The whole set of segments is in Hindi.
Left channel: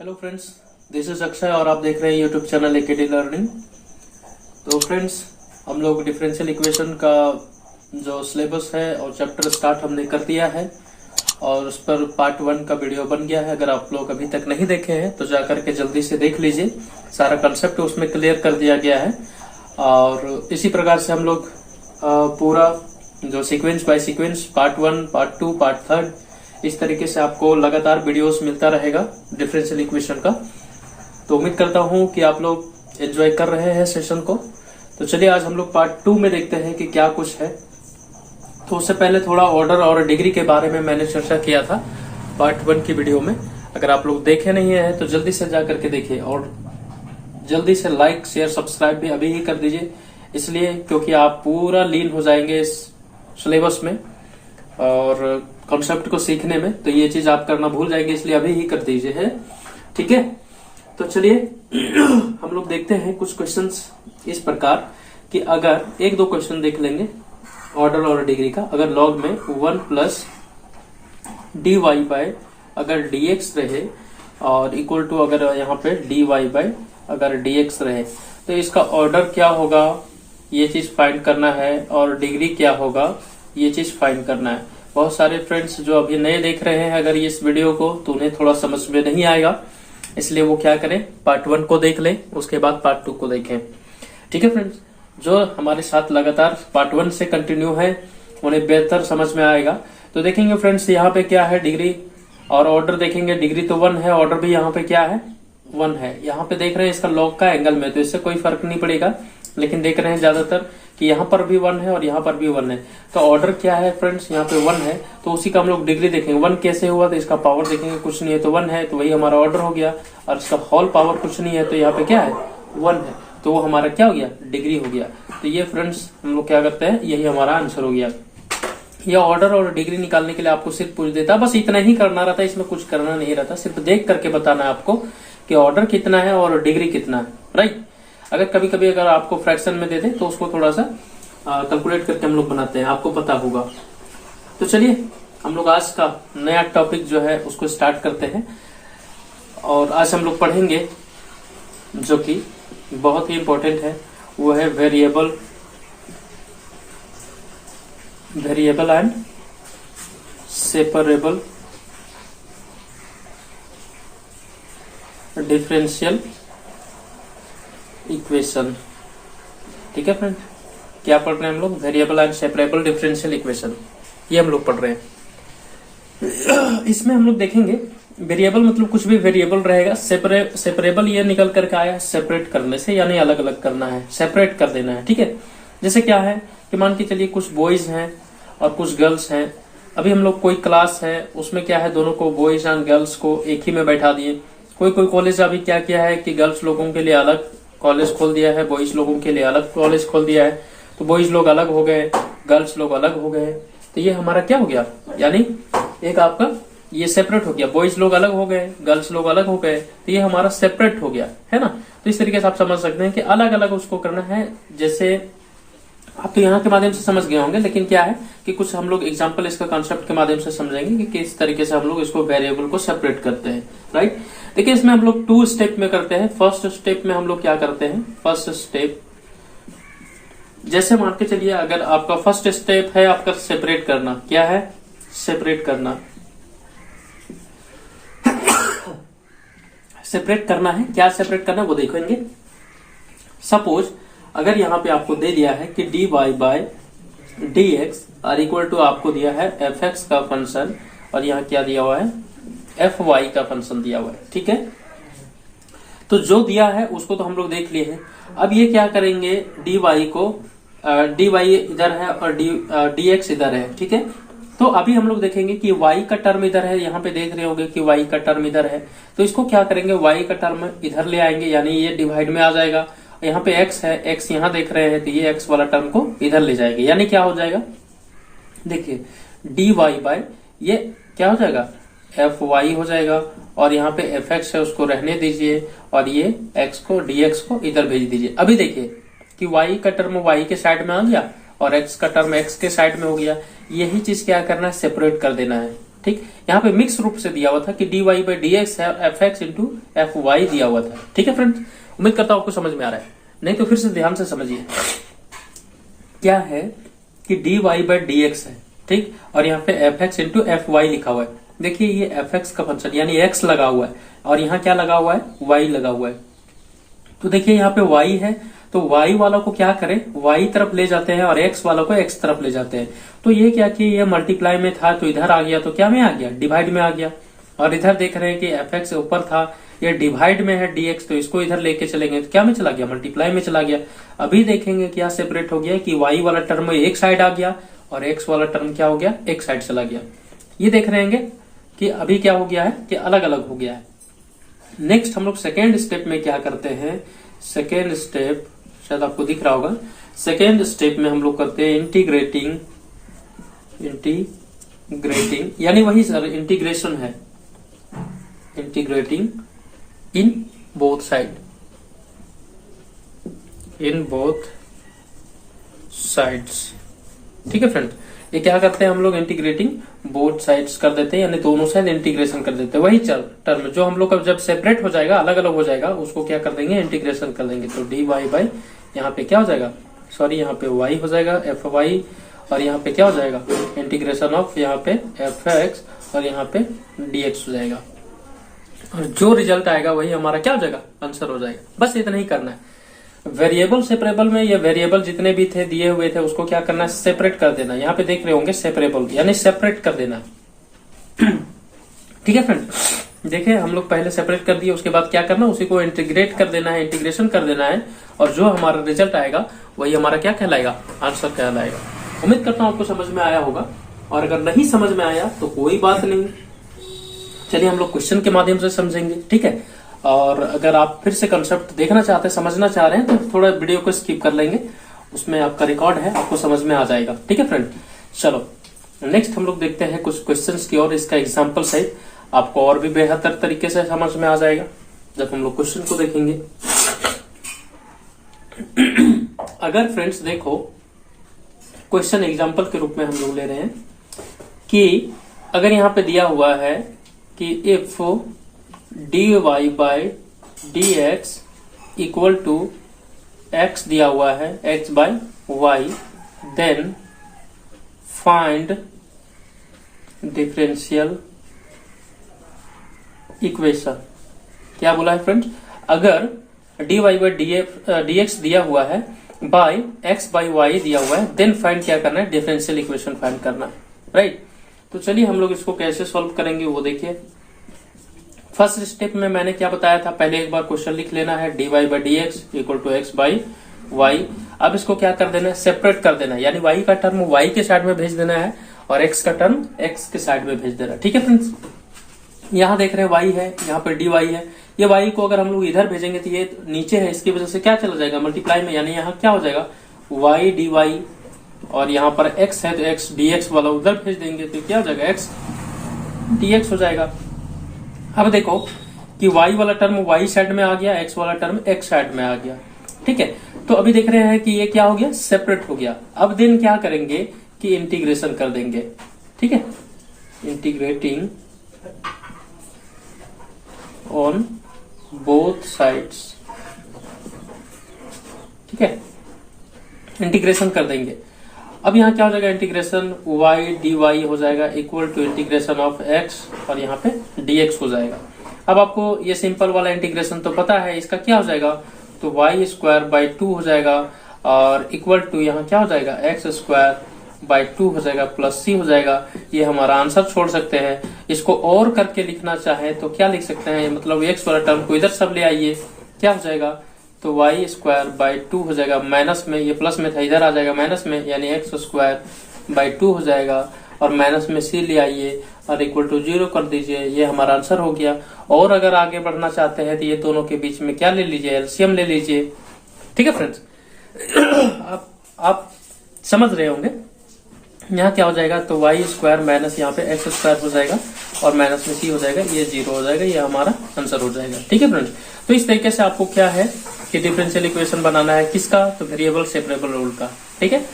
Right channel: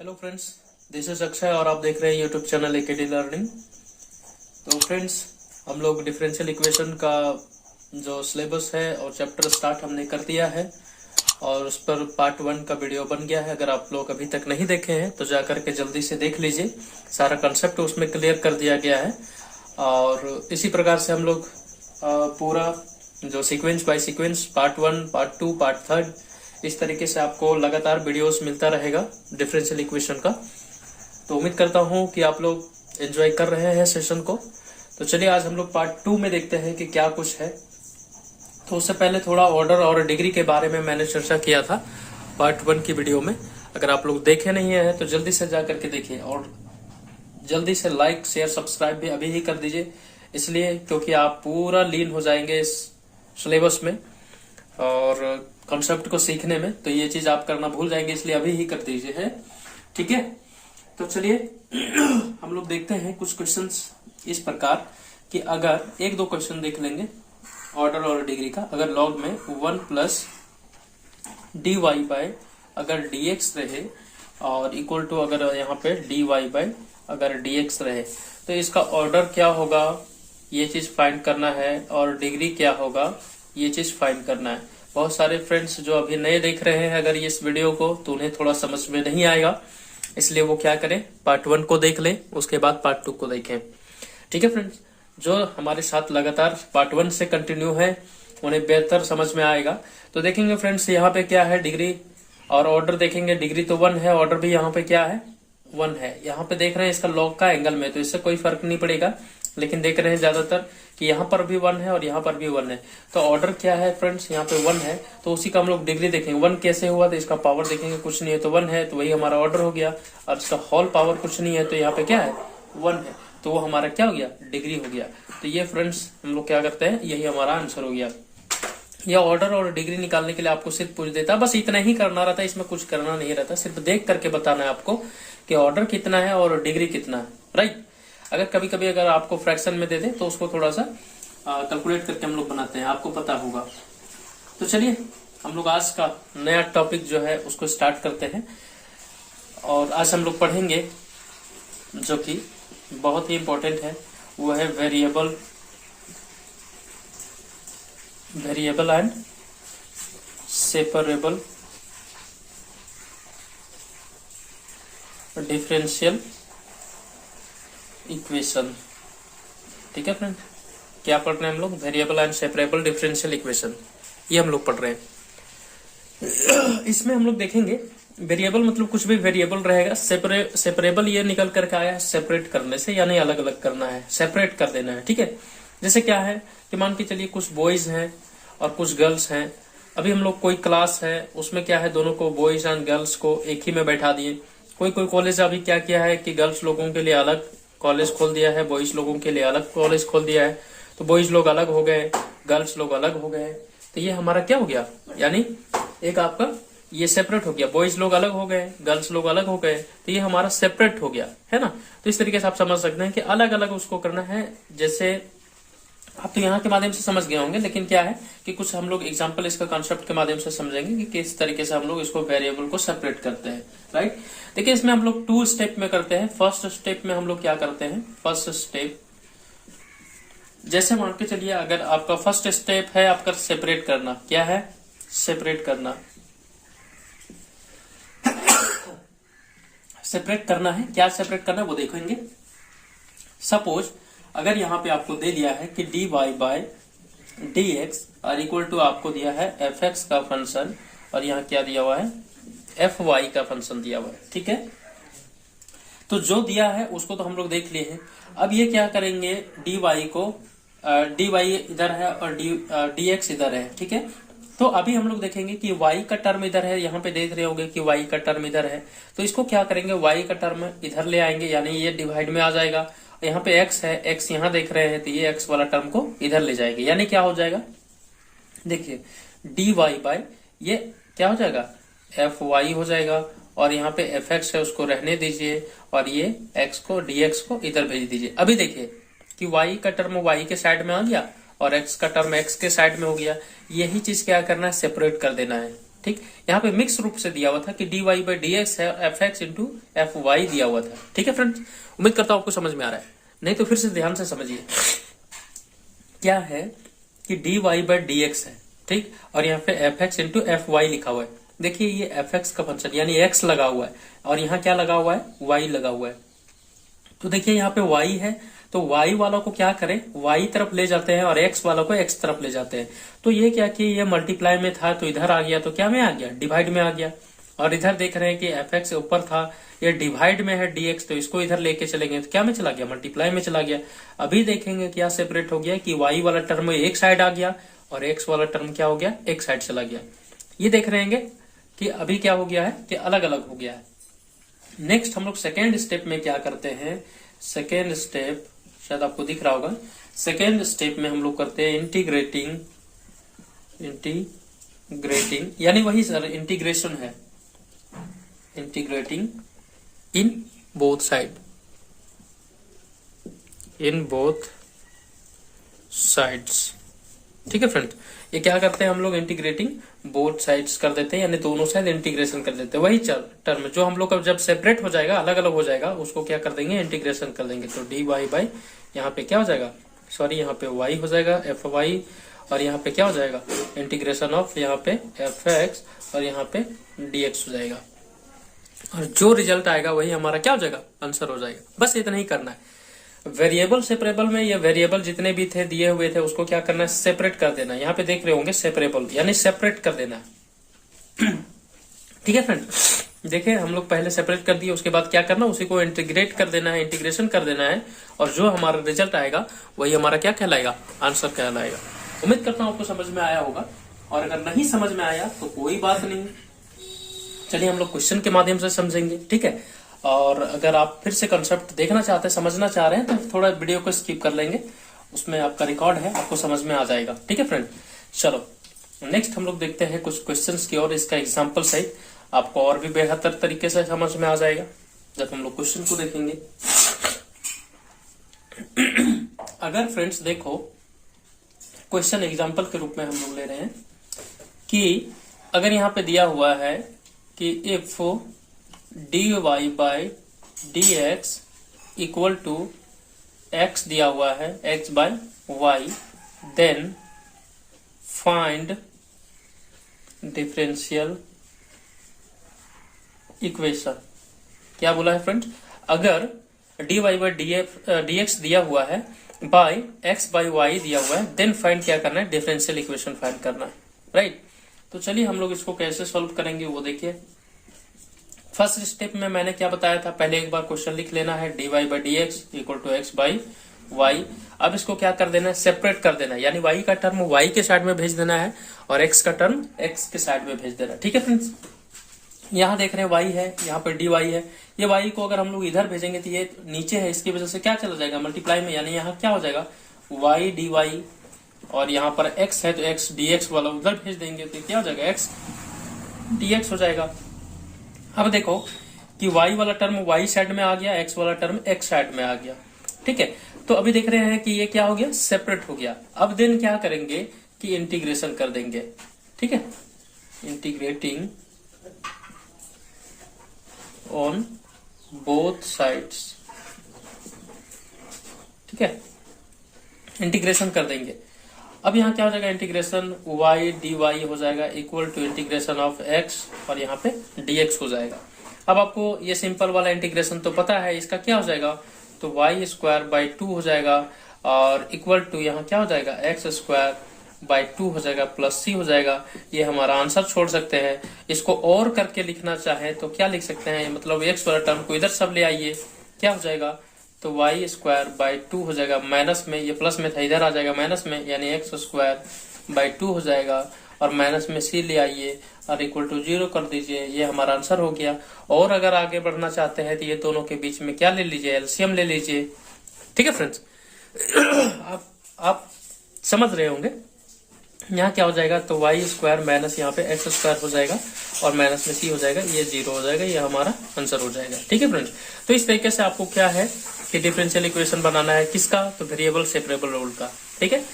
Hello friends, this is Akshay और आप देख रहे हैं यूट्यूब चैनल एकेडी लर्निंग। तो फ्रेंड्स, हम लोग डिफरेंशियल इक्वेशन का जो सिलेबस है और चैप्टर स्टार्ट हमने कर दिया है और उस पर पार्ट 1 का वीडियो बन गया है। अगर आप लोग अभी तक नहीं देखे हैं तो जाकर के जल्दी से देख लीजिए। सारा कंसेप्ट उसमें क्लियर कर दिया गया है और इसी प्रकार से हम लोग पूरा जो sequence by sequence part 1, part 2, part 3 इस तरीके से आपको लगातार वीडियोस मिलता रहेगा डिफरेंशियल इक्वेशन का। तो उम्मीद करता हूं कि आप लोग एंजॉय कर रहे हैं सेशन को। तो चलिए आज हम लोग पार्ट 2 में देखते हैं कि क्या कुछ है। तो उससे पहले थोड़ा ऑर्डर और डिग्री के बारे में मैंने चर्चा किया था पार्ट 1 की वीडियो में। अगर आप लोग देखे नहीं है तो जल्दी से जाकर के देखिए और जल्दी से लाइक शेयर सब्सक्राइब भी अभी ही कर दीजिए, इसलिए क्योंकि आप पूरा लीन हो जाएंगे इस सिलेबस में और कॉन्सेप्ट को सीखने में। तो ये चीज आप करना भूल जाएंगे, इसलिए अभी ही कर दीजिए, है ठीक है। तो चलिए हम लोग देखते हैं कुछ क्वेश्चंस इस प्रकार कि अगर एक दो क्वेश्चन देख लेंगे ऑर्डर और डिग्री का। अगर लॉग में 1 प्लस dy बाय अगर dx रहे और इक्वल टू अगर यहाँ पे dy बाय अगर dx रहे तो इसका ऑर्डर क्या होगा ये चीज फाइंड करना है और डिग्री क्या होगा ये चीज फाइंड करना है। बहुत सारे फ्रेंड्स जो अभी नए देख रहे हैं अगर इस वीडियो को तो उन्हें थोड़ा समझ में नहीं आएगा, इसलिए वो क्या करें पार्ट 1 को देख लें, उसके बाद पार्ट 2 को देखें। ठीक है फ्रेंड्स, जो हमारे साथ लगातार पार्ट 1 से कंटिन्यू है उन्हें बेहतर समझ में आएगा। तो देखेंगे फ्रेंड्स यहाँ पे क्या है डिग्री और ऑर्डर देखेंगे। डिग्री तो 1 है, ऑर्डर भी यहाँ पे क्या है 1 है। यहाँ पे देख रहे हैं इसका लॉग का एंगल में, तो इससे कोई फर्क नहीं पड़ेगा, लेकिन देख रहे हैं ज्यादातर कि यहाँ पर भी 1 है और यहाँ पर भी 1 है। तो ऑर्डर क्या है फ्रेंड्स, यहाँ पे 1 है तो उसी का हम लोग डिग्री देखेंगे। 1 कैसे हुआ तो इसका पावर देखेंगे, कुछ नहीं है तो 1 है तो वही हमारा ऑर्डर हो गया। और इसका होल पावर कुछ नहीं है तो यहाँ पे क्या है 1 है, तो वो हमारा क्या हो गया डिग्री हो गया। तो ये फ्रेंड्स हम लोग क्या करते हैं, यही हमारा आंसर हो गया। ये ऑर्डर और डिग्री निकालने के लिए आपको सिर्फ पूछ देता, बस इतना ही करना रहता है, इसमें कुछ करना नहीं रहता, सिर्फ देख करके बताना है आपको कि ऑर्डर कितना है और डिग्री कितना है, राइट। अगर कभी कभी अगर आपको फ्रैक्शन में दे दे तो उसको थोड़ा सा कैलकुलेट करके हम लोग बनाते हैं, आपको पता होगा। तो चलिए हम लोग आज का नया टॉपिक जो है उसको स्टार्ट करते हैं और आज हम लोग पढ़ेंगे जो कि बहुत ही इंपॉर्टेंट है, वो है variable and separable differential equation. ठीक है फ्रेंड, क्या पढ़ रहे हैं हम लोग, variable and separable differential equation, ये हम लोग पढ़ रहे हैं। इसमें हम लोग देखेंगे वेरिएबल मतलब कुछ भी वेरिएबल रहेगा। सेपरेबल ये निकल करके आया है सेपरेट करने से, यानी अलग अलग करना है, सेपरेट कर देना है। ठीक है, जैसे क्या है कि मान के चलिए कुछ बॉयज हैं और कुछ गर्ल्स हैं। अभी हम लोग कोई क्लास है उसमें क्या है दोनों को बॉयज एंड गर्ल्स को एक ही में बैठा दिए। कोई कॉलेज अभी क्या किया है कि गर्ल्स लोगों के लिए अलग कॉलेज खोल दिया है, बॉयज लोगों के लिए अलग कॉलेज खोल दिया है। तो बॉयज लोग अलग हो गए, गर्ल्स लोग अलग हो गए, तो ये हमारा क्या हो गया, यानी एक आपका ये सेपरेट हो गया। बॉयज लोग अलग हो गए, गर्ल्स लोग अलग हो गए, तो ये हमारा सेपरेट हो गया, है ना। तो इस तरीके से आप समझ सकते हैं कि अलग अलग उसको करना है। जैसे आप तो यहाँ के माध्यम से समझ गए होंगे, लेकिन क्या है कि कुछ हम लोग एग्जाम्पल इसका कॉन्सेप्ट के माध्यम से समझेंगे कि किस तरीके से हम लोग इसको वेरिएबल को सेपरेट करते हैं, राइट। देखिए इसमें हम लोग 2 स्टेप में करते हैं। फर्स्ट स्टेप में हम लोग क्या करते हैं, फर्स्ट स्टेप जैसे मान के चलिए अगर आपका फर्स्ट स्टेप है आपका सेपरेट करना, क्या है सेपरेट करना, सेपरेट करना है। क्या सेपरेट करना है वो देखेंगे। सपोज अगर यहाँ पे आपको दे दिया है कि dy बाय dx और इक्वल टू आपको दिया है fx का फंक्शन और यहाँ क्या दिया हुआ है fy का फंक्शन दिया हुआ है, ठीक है। तो जो दिया है उसको तो हम लोग देख लिए हैं। अब ये क्या करेंगे, dy को dy इधर है और dx इधर है, ठीक है। तो अभी हम लोग देखेंगे कि y का टर्म इधर है, यहाँ पे देख रहे होंगे कि y का टर्म इधर है, तो इसको क्या करेंगे y का टर्म इधर ले आएंगे, यानी ये डिवाइड में आ जाएगा। यहाँ पे x है, x यहाँ देख रहे हैं तो ये x वाला टर्म को इधर ले जाएंगे, यानी क्या हो जाएगा, देखिए dy बाय ये क्या हो जाएगा fy हो जाएगा और यहाँ पे fx है उसको रहने दीजिए और ये x को dx को इधर भेज दीजिए। अभी देखिए कि y का टर्म y के साइड में आ गया और x का टर्म x के साइड में हो गया। यही चीज क्या करना है, सेपरेट कर देना है। ठीक, यहाँ पे मिक्स रूप से दिया हुआ था कि dy बाई डी एक्स है, f x into f y दिया हुआ था। ठीक है फ्रेंड्स, उम्मीद करता हूं आपको समझ में आ रहा है, नहीं तो फिर से ध्यान से समझिए। क्या है कि dy बाई डी एक्स है, ठीक, और यहाँ पे f x into f y लिखा हुआ है। देखिए ये एफ एक्स का फंक्शन यानी एक्स लगा हुआ है और यहाँ क्या लगा हुआ है, वाई लगा हुआ है। तो देखिए यहाँ पे वाई है, तो y वाला को क्या करें, y तरफ ले जाते हैं और x वाला को x तरफ ले जाते हैं। तो ये क्या कि ये मल्टीप्लाई में था तो इधर आ गया, तो क्या में आ गया, डिवाइड में आ गया। और इधर देख रहे हैं कि fx ऊपर था, ये डिवाइड में है dx, तो इसको इधर लेके चलेंगे तो क्या में चला गया, मल्टीप्लाई में चला गया। अभी देखेंगे क्या सेपरेट हो गया कि y वाला टर्म एक साइड आ गया और x वाला टर्म क्या हो गया, एक साइड चला गया। ये देख रहे हैं कि अभी क्या हो गया है कि अलग अलग हो गया है। नेक्स्ट हम लोग सेकेंड स्टेप में क्या करते हैं, सेकेंड स्टेप शायद आपको दिख रहा होगा, सेकेंड स्टेप में हम लोग करते हैं इंटीग्रेटिंग यानी वही सर इंटीग्रेशन है, इंटीग्रेटिंग इन बोथ साइड्स। ठीक है फ्रेंड, ये क्या करते हैं हम लोग, इंटीग्रेटिंग बोथ साइड्स कर देते हैं, यानी दोनों साइड इंटीग्रेशन कर देते हैं। वही टर्म जो हम लोग का जब सेपरेट हो जाएगा, अलग अलग हो जाएगा, उसको क्या कर देंगे, इंटीग्रेशन कर देंगे। तो डी वाई बाई यहाँ पे क्या हो जाएगा, सॉरी यहाँ पे y हो जाएगा एफ वाई, और यहाँ पे क्या हो जाएगा, इंटीग्रेशन ऑफ यहाँ पे एफ एक्स और यहाँ पे डी एक्स हो जाएगा। और जो रिजल्ट आएगा वही हमारा क्या हो जाएगा, आंसर हो जाएगा। बस इतना ही करना है। वेरिएबल सेपरेबल में ये वेरिएबल जितने भी थे दिए हुए थे उसको क्या करना है, सेपरेट कर देना। यहाँ पे देख रहे होंगे सेपरेबल यानी सेपरेट कर देना। ठीक है फ्रेंड, देखिए हम लोग पहले सेपरेट कर दिए, उसके बाद क्या करना, उसी को इंटीग्रेट कर देना है, इंटीग्रेशन कर देना है, और जो हमारा रिजल्ट आएगा वही हमारा क्या कहलाएगा, आंसर कहलाएगा। उम्मीद करता हूं आपको समझ में आया होगा, और अगर नहीं समझ में आया तो कोई बात नहीं, चलिए हम लोग क्वेश्चन के माध्यम से समझेंगे। ठीक है, और अगर आप फिर से कंसेप्ट देखना चाहते हैं, समझना चाह रहे हैं, तो थोड़ा वीडियो को स्किप कर लेंगे, उसमें आपका रिकॉर्ड है, आपको समझ में आ जाएगा। ठीक है फ्रेंड, चलो नेक्स्ट हम लोग देखते हैं कुछ क्वेश्चंस की, और इसका एग्जांपल सहित आपको और भी बेहतर तरीके से समझ में आ जाएगा जब हम लोग क्वेश्चन को देखेंगे। अगर फ्रेंड्स देखो, क्वेश्चन एग्जांपल के रूप में हम लोग ले रहे हैं कि अगर यहाँ पे दिया हुआ है कि if dy by D x equal to x दिया हुआ है x by y, then find differential equation. क्या बोला है फ्रेंड्स, अगर dy बाई डी एक्स दिया हुआ है बाई x बाई वाई दिया हुआ है, देन फाइंड क्या करना है, डिफरेंशियल इक्वेशन फाइंड करना है। राइट, तो चलिए हम लोग इसको कैसे सॉल्व करेंगे वो देखिए। फर्स्ट स्टेप में मैंने क्या बताया था, पहले एक बार क्वेश्चन लिख लेना है, dy by D x equal to x by y. अब इसको क्या कर देना है, सेपरेट कर देना है, यानी y का टर्म y के साइड में भेज देना है और x का टर्म x के साइड में भेज देना है। ठीक है फ्रेंड्स, यहाँ देख रहे हैं y है, यहाँ पर dy है, ये y को अगर हम लोग इधर भेजेंगे तो ये नीचे है, इसकी वजह से क्या चला जाएगा, मल्टीप्लाई में, यानी यहाँ क्या हो जाएगा, y dy, और यहाँ पर x है तो x dx वाला उधर भेज देंगे तो क्या हो जाएगा, x dx हो जाएगा। अब देखो कि y वाला टर्म y साइड में आ गया, x वाला टर्म x साइड में आ गया। ठीक है, तो अभी देख रहे हैं कि ये क्या हो गया, सेपरेट हो गया। अब देन क्या करेंगे कि इंटीग्रेशन कर देंगे। ठीक है, इंटीग्रेटिंग ऑन बोथ साइड्स। ठीक है, इंटीग्रेशन कर देंगे। अब यहाँ क्या हो जाएगा, इंटीग्रेशन y dy हो जाएगा equal to integration of x, और यहाँ पे dx हो जाएगा। अब आपको ये सिंपल वाला इंटीग्रेशन तो पता है, इसका क्या हो जाएगा, तो y स्क्वायर बाई 2 हो जाएगा, और इक्वल टू यहाँ क्या हो जाएगा, x स्क्वायर बाई 2 हो जाएगा, प्लस c हो जाएगा। ये हमारा आंसर छोड़ सकते हैं। इसको और करके लिखना चाहे तो क्या लिख सकते हैं, मतलब x वाला टर्म को इधर सब ले आइए, क्या हो जाएगा, तो y स्क्वायर बाई 2 हो जाएगा, माइनस में, ये प्लस में था इधर आ जाएगा माइनस में, यानी x स्क्वायर बाई 2 हो जाएगा, और माइनस में c ले आइए और इक्वल टू 0 कर दीजिए। ये हमारा आंसर हो गया। और अगर आगे बढ़ना चाहते हैं तो ये दोनों के बीच में क्या ले लीजिए, एलसीएम ले लीजिए। ठीक है फ्रेंड्स, आप समझ रहे होंगे। यहाँ क्या हो जाएगा, तो y स्क्वायर माइनस यहाँ पे x स्क्वायर हो जाएगा, और माइनस में c हो जाएगा, ये 0 हो जाएगा, ये हमारा आंसर हो जाएगा। ठीक है फ्रेंड्स, तो इस तरीके से आपको क्या है कि डिफरेंशियल इक्वेशन बनाना है, किसका, तो वेरिएबल सेपरेबल रूल का। ठीक है,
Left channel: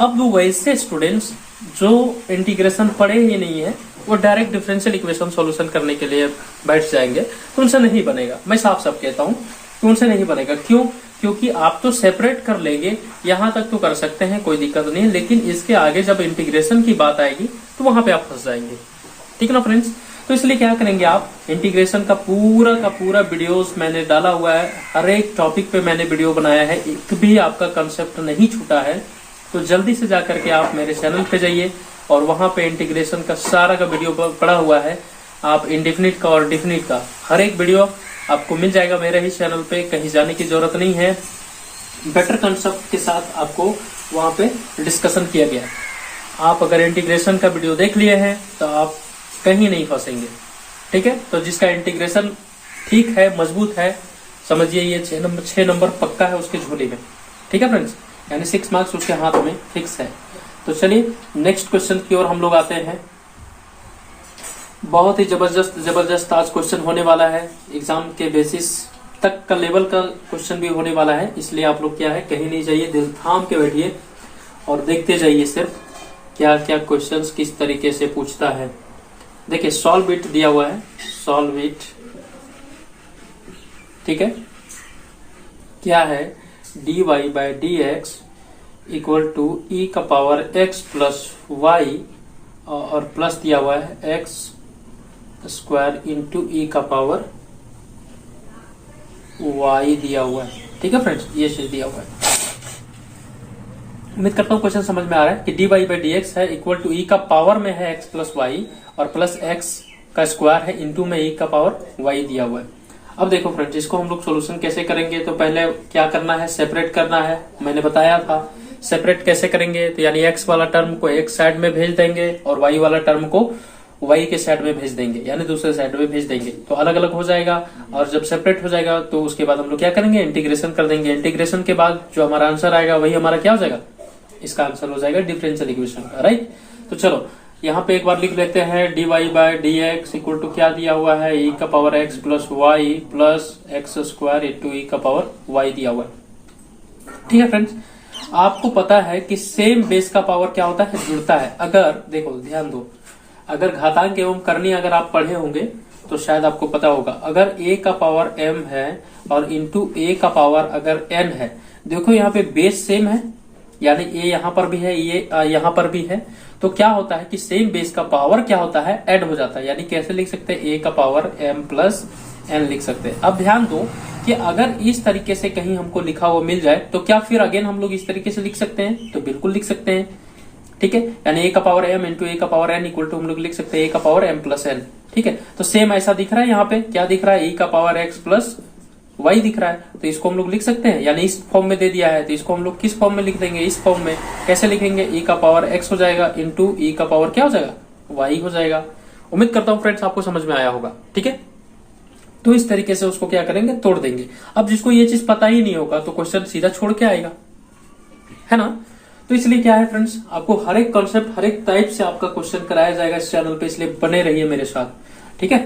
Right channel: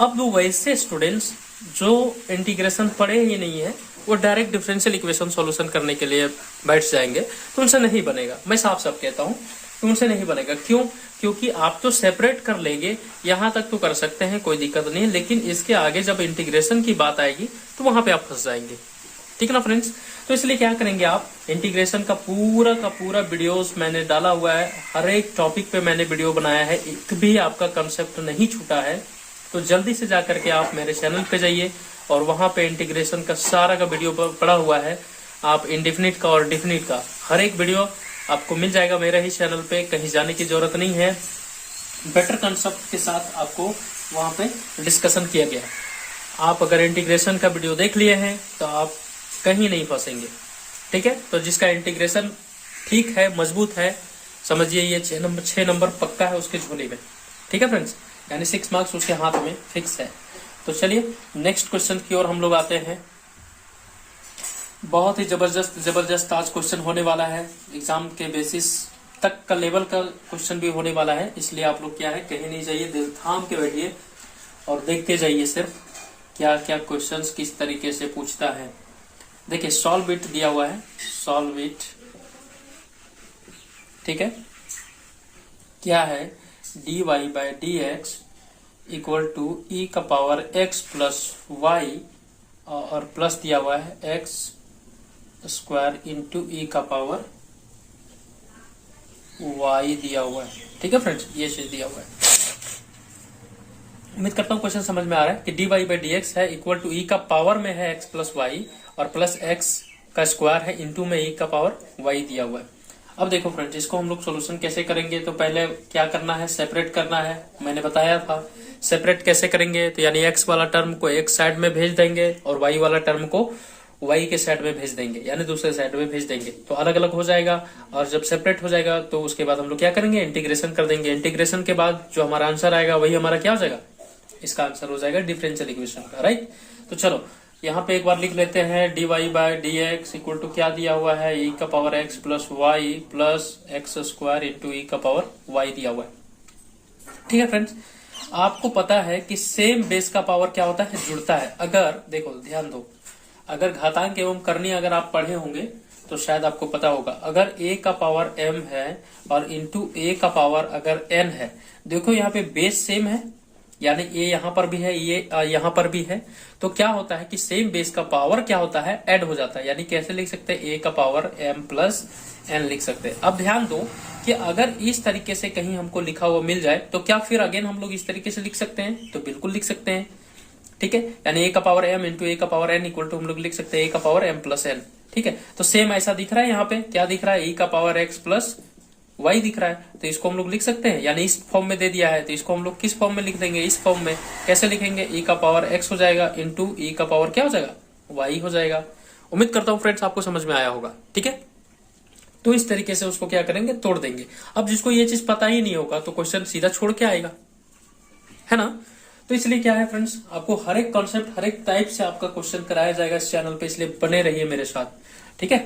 अब वैसे स्टूडेंट्स जो इंटीग्रेशन पढ़े ही नहीं है वो डायरेक्ट डिफरेंशियल इक्वेशन सॉल्यूशन करने के लिए बैठ जाएंगे तो उनसे नहीं बनेगा। मैं साफ साफ कहता हूं कि उनसे नहीं बनेगा। क्यों? क्योंकि आप तो सेपरेट कर लेंगे, यहां तक तो कर सकते हैं, कोई दिक्कत नहीं है, लेकिन इसके आगे जब इंटीग्रेशन की बात आएगी तो वहां पे आप फंस जाएंगे। ठीक है ना फ्रेंड्स? तो इसलिए क्या करेंगे आप, इंटीग्रेशन का पूरा वीडियोस मैंने डाला हुआ है, हर एक टॉपिक पे मैंने वीडियो बनाया है, एक भी आपका कंसेप्ट नहीं छूटा है। तो जल्दी से जाकर के आप मेरे चैनल पे जाइए और वहां पे इंटीग्रेशन का सारा का वीडियो पड़ा हुआ है। आप इंडेफिनिट का और डेफिनिट का हर एक वीडियो आपको मिल जाएगा मेरे ही चैनल पे, कहीं जाने की जरूरत नहीं है। बेटर कंसेप्ट के साथ आपको वहां पे डिस्कशन किया गया है। आप अगर इंटीग्रेशन का वीडियो देख लिए हैं तो आप कहीं नहीं फंसेंगे। ठीक है? तो जिसका इंटीग्रेशन ठीक है, मजबूत है, समझिए ये 6 नंबर पक्का है उसके झोली में। ठीक है फ्रेंड्स? यानी 6 मार्क्स उसके हाथ में फिक्स है। तो चलिए नेक्स्ट क्वेश्चन की ओर हम लोग आते हैं। बहुत ही जबरदस्त आज क्वेश्चन होने वाला है, एग्जाम के बेसिस तक का लेवल का क्वेश्चन भी होने वाला है। इसलिए आप लोग क्या है, कहीं नहीं जाइए, दिल थाम के बैठिए और देखते जाइए सिर्फ क्या क्या क्वेश्चंस किस तरीके से पूछता है। देखिए सॉल्व इट दिया हुआ है, सॉल्व इट। ठीक है? क्या है, dy by D x equal to E का पावर x प्लस वाई और प्लस दिया हुआ है एक्स स्क्वायर इंटू ई का पावर y दिया हुआ है। ठीक है फ्रेंड्स? ये चीज दिया हुआ है। उम्मीद करता हूँ क्वेश्चन समझ में आ रहा है कि dy बाई डी एक्स है इक्वल टू ई का पावर में है x प्लस वाई और प्लस x का स्क्वायर है इंटू में ई का पावर y दिया हुआ है। अब देखो फ्रेंड्स, इसको हम लोग सोल्यूशन कैसे करेंगे, तो पहले क्या करना है, सेपरेट करना है। मैंने बताया था सेपरेट कैसे करेंगे, तो यानी x वाला टर्म को एक साइड में भेज देंगे और y वाला टर्म को y के साइड में भेज देंगे, यानी दूसरे साइड में भेज देंगे, तो अलग अलग हो जाएगा। और जब सेपरेट हो जाएगा तो उसके बाद हम लोग क्या करेंगे, इंटीग्रेशन कर देंगे। इंटीग्रेशन के बाद जो हमारा आंसर आएगा वही हमारा क्या हो जाएगा, इसका आंसर हो जाएगा डिफरेंशियल इक्वेशन का। राइट? तो चलो यहाँ पे एक बार लिख लेते हैं, dy by D x equal to क्या दिया हुआ है, e का power x plus Y plus x square into E का पावर y दिया हुआ है। ठीक है फ्रेंड्स? आपको पता है कि सेम बेस का पावर क्या होता है, जुड़ता है। अगर देखो ध्यान दो, अगर घातांक एवं करनी अगर आप पढ़े होंगे तो शायद आपको पता होगा, अगर a का पावर m है और इंटू a का पावर अगर n है, देखो यहाँ पे बेस सेम है, यानी a यहाँ पर भी है, ये यहाँ पर भी है, तो क्या होता है कि सेम बेस का पावर क्या होता है, ऐड हो जाता है। यानी कैसे लिख सकते हैं, a का पावर m प्लस n लिख सकते हैं। अब ध्यान दो कि अगर इस तरीके से कहीं हमको लिखा हुआ मिल जाए तो क्या फिर अगेन हम लोग इस तरीके से लिख सकते हैं, तो बिल्कुल लिख सकते हैं। ठीक है? यानी a का पावर m इंटू a का पावर n इक्वल टू हम लोग लिख सकते हैं a का पावर m प्लस n। ठीक है? तो सेम ऐसा दिख रहा है, यहाँ पे क्या दिख रहा है, e का पावर x प्लस y दिख रहा है, तो इसको हम लोग लिख सकते हैं। यानी इस फॉर्म में दे दिया है तो इसको हम लोग किस फॉर्म में लिख देंगे, इस फॉर्म में। कैसे लिखेंगे, e का पावर x हो जाएगा इंटू e का पावर क्या हो जाएगा, y हो जाएगा। उम्मीद करता हूँ फ्रेंड्स आपको समझ में आया होगा। ठीक है? तो इस तरीके से उसको क्या करेंगे, तोड़ देंगे। अब जिसको ये चीज पता ही नहीं होगा तो क्वेश्चन सीधा छोड़ के आएगा, है ना? तो इसलिए क्या है फ्रेंड्स, आपको हर एक कॉन्सेप्ट हर एक टाइप से आपका क्वेश्चन कराया जाएगा इस चैनल पे, इसलिए बने रहिए मेरे साथ। ठीक है?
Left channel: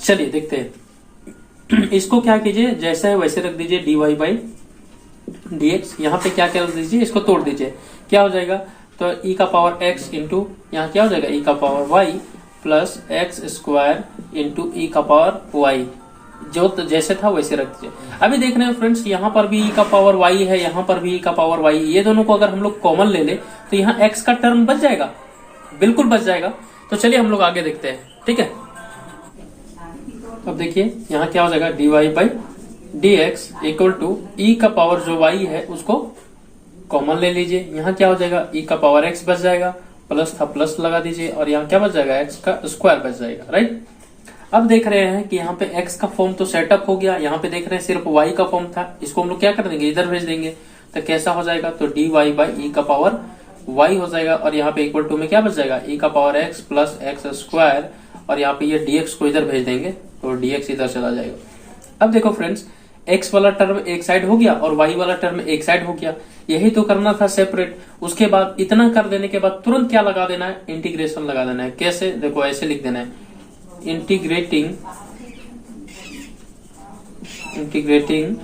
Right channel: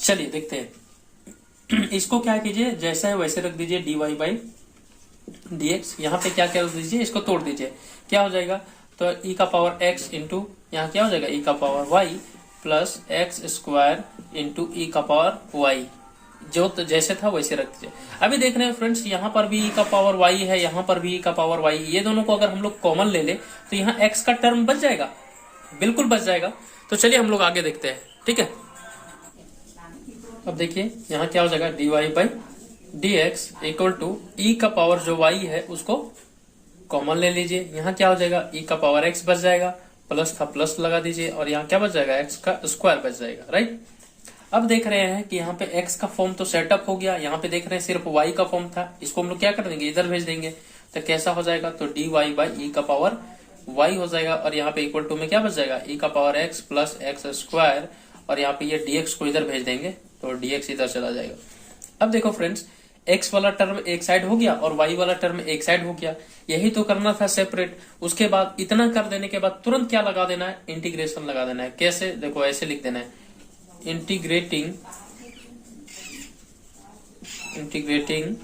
चलिए देखते हैं। इसको क्या कीजिए, जैसा है वैसे रख दीजिए, dy बाई डी एक्स। यहाँ पे क्या क्या रख दीजिए, इसको तोड़ दीजिए, क्या हो जाएगा, तो e का पावर x इंटू यहाँ क्या हो जाएगा, e का power y plus x square into E का पावर y, जो तो जैसे था वैसे रख दीजिए। अभी देख रहे हैं फ्रेंड्स, यहाँ पर भी e का पावर y है, यहाँ पर भी e का पावर y, ये दोनों को अगर हम लोग कॉमन ले ले तो यहाँ x का टर्म बच जाएगा, बिल्कुल बच जाएगा। तो चलिए हम लोग आगे देखते हैं। ठीक है? अब देखिए यहाँ क्या हो जाएगा, dy by D x equal to E का पावर जो y है उसको कॉमन ले लीजिए। यहाँ क्या हो जाएगा, e का पावर x बच जाएगा, प्लस था प्लस लगा दीजिए, और यहाँ क्या बच जाएगा, x का स्क्वायर बच जाएगा। राइट? अब देख रहे हैं कि यहाँ पे x का फॉर्म तो सेटअप हो गया, यहाँ पे देख रहे हैं सिर्फ y का फॉर्म था, इसको हम लोग क्या कर देंगे, इधर भेज देंगे। तो कैसा हो जाएगा, तो dy बाई ई का पावर y हो जाएगा, और यहाँ पे इक्वल टू में क्या बच जाएगा, e का power x plus x square, और यहाँ पे ये dx को इधर भेज देंगे तो dx इधर चला जाएगा। अब देखो फ्रेंड्स, x वाला टर्म एक साइड हो गया और y वाला टर्म एक साइड हो गया, यही तो करना था सेपरेट। उसके बाद इतना कर देने के बाद तुरंत क्या लगा देना है, इंटीग्रेशन लगा देना है। कैसे, देखो ऐसे लिख देना है, इंटीग्रेटिंग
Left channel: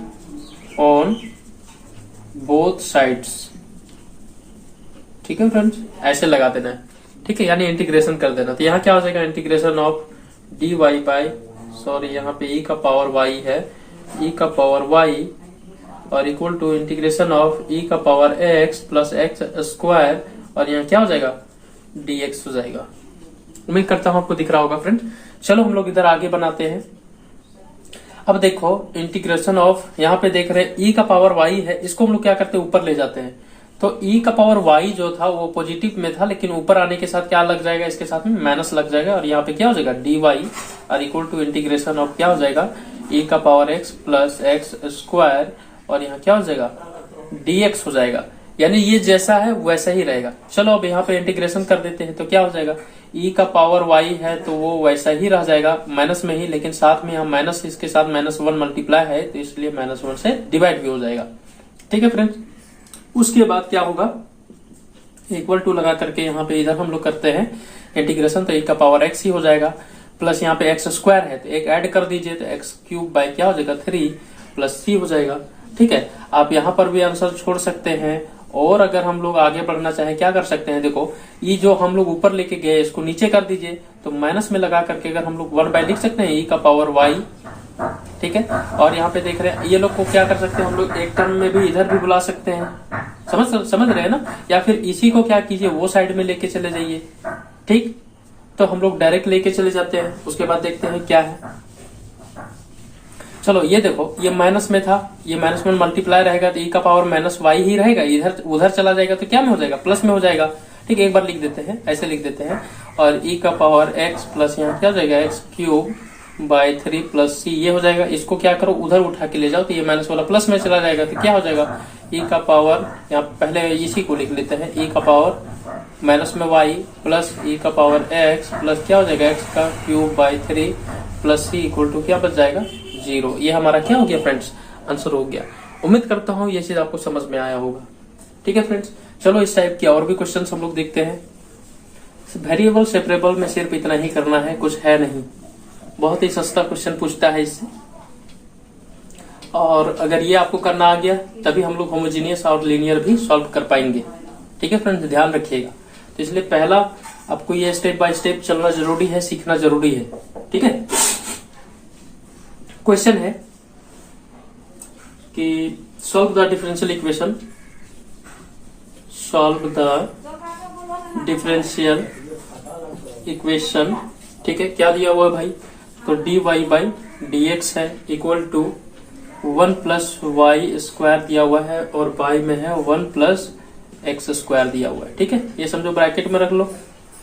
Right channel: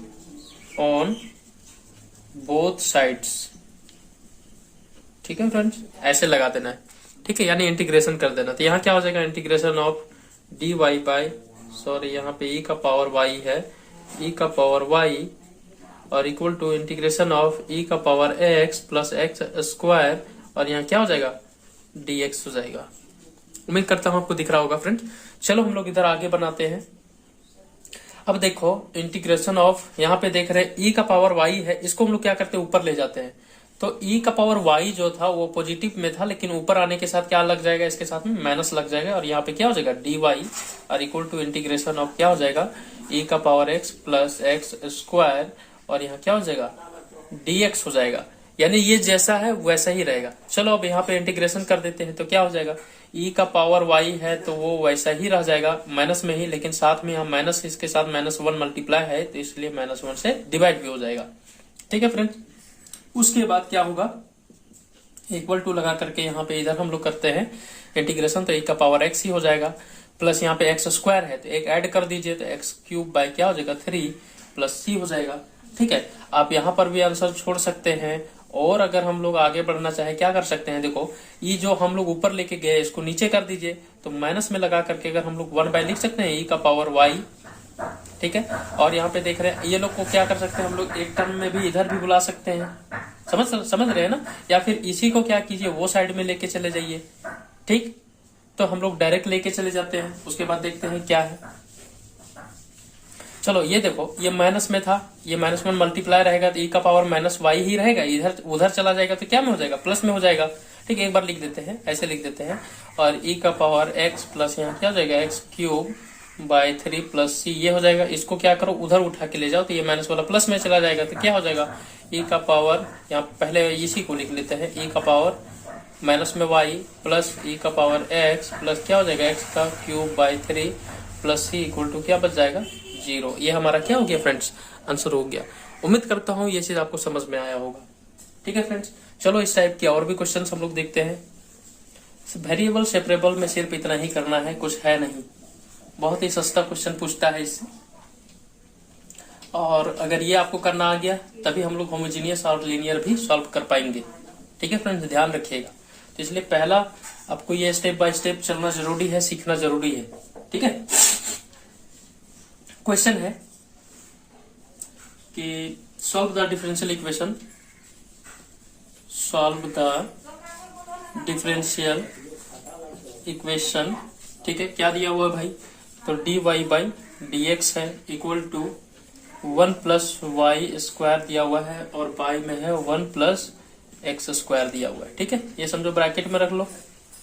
ऑन बोथ साइड्स। ठीक है फ्रेंड्स, ऐसे लगा देना है। ठीक है, यानी इंटीग्रेशन कर देना। तो यहाँ क्या हो जाएगा, integration of dy by, sorry यहाँ पे e का पावर y है, e का पावर y और equal to integration of e का power x plus x square, और यहाँ क्या हो जाएगा, dx हो जाएगा। उम्मीद करता हूं आपको दिख रहा होगा फ्रेंड। चलो हम लोग इधर आगे बनाते हैं। अब देखो इंटीग्रेशन ऑफ, यहाँ पे देख रहे हैं e का पावर y है, इसको हम लोग क्या करते हैं, ऊपर ले जाते हैं। तो e का पावर y जो था वो पॉजिटिव में था, लेकिन ऊपर आने के साथ क्या लग जाएगा, इसके साथ में माइनस लग जाएगा, और यहाँ पे क्या हो जाएगा, dy और इक्वल टू इंटीग्रेशन ऑफ क्या हो जाएगा, e का power x plus x square, और यहाँ क्या हो जाएगा, dx हो जाएगा। यानी ये जैसा है वैसा ही रहेगा। चलो अब यहाँ पे इंटीग्रेशन कर देते हैं, तो क्या हो जाएगा, e का पावर y है तो वो वैसा ही रह जाएगा माइनस में ही, लेकिन साथ में यहाँ माइनस, इसके साथ -1 मल्टीप्लाई है तो इसलिए -1 से डिवाइड भी हो जाएगा। ठीक है फ्रेंड्स, उसके बाद क्या होगा, इक्वल टू लगा करके यहाँ पे इधर हम लोग करते हैं इंटीग्रेशन, तो e का पावर x ही हो जाएगा, प्लस यहाँ पे एक्स स्क्वायर है तो एक ऐड कर दीजिए, तो एक्स क्यूब बाय क्या हो जाएगा 3 प्लस c हो जाएगा। ठीक है, आप यहाँ पर भी आंसर छोड़ सकते हैं, और अगर हम लोग आगे बढ़ना चाहें क्या कर सकते हैं, देखो ये जो हम लोग ऊपर लेके गए इसको नीचे कर दीजिए, तो माइनस में लगा करके अगर हम लोग 1 बाय लिख सकते हैं e का पावर y। ठीक है, और यहाँ पे देख रहे हैं ये लोग को क्या कर सकते हैं हम लोग, एक टर्म में भी इधर भी बुला सकते हैं, समझ रहे हैं ना, या फिर इसी को क्या कीजिए, वो साइड में लेके चले जाइए। ठीक, तो हम लोग डायरेक्ट लेके चले जाते हैं, उसके बाद देखते हैं क्या है। चलो ये देखो, ये माइनस में था, ये -1 मल्टीप्लाई रहेगा तो e का पावर -y ही रहेगा, इधर उधर चला जाएगा तो क्या में हो जाएगा, प्लस में हो जाएगा। ठीक है, एक बार लिख देते हैं, ऐसे लिख देते हैं, और e का पावर x प्लस यहाँ क्या हो जाएगा, x cube by 3 plus c, ये हो जाएगा। इसको क्या करो, उधर उठा के ले जाओ तो ये माइनस वाला प्लस में चला जाएगा, तो क्या हो जाएगा, e का पावर, यहाँ पहले इसी को लिख लेते हैं, e का पावर माइनस में y प्लस e का पावर x प्लस क्या हो जाएगा, x का cube by 3 plus c equal to क्या बच जाएगा, 0। ये हमारा क्या हो गया फ्रेंड्स, आंसर हो गया। उम्मीद करता हूँ ये चीज आपको समझ में आया होगा। ठीक है फ्रेंड्स, चलो इस टाइप की और भी क्वेश्चंस हम लोग देखते हैं। वेरिएबल सेपरेबल में सिर्फ इतना ही करना है, कुछ है नहीं, बहुत ही सस्ता क्वेश्चन पूछता है इससे, और अगर ये आपको करना आ गया तभी हम लोग होमोजीनियस और लीनियर भी सॉल्व कर पाएंगे। ठीक है फ्रेंड्स, ध्यान रखिएगा। तो इसलिए पहला आपको ये स्टेप बाय स्टेप चलना जरूरी है, सीखना जरूरी है। ठीक है, क्वेश्चन है कि solve the differential equation, solve the differential equation. ठीक है, क्या दिया हुआ है भाई, तो dy बाई dx है equal to 1 plus y square दिया हुआ है, और y में है 1 प्लस एक्स स्क्वायर दिया हुआ है। ठीक है, ये समझो ब्रैकेट में रख लो,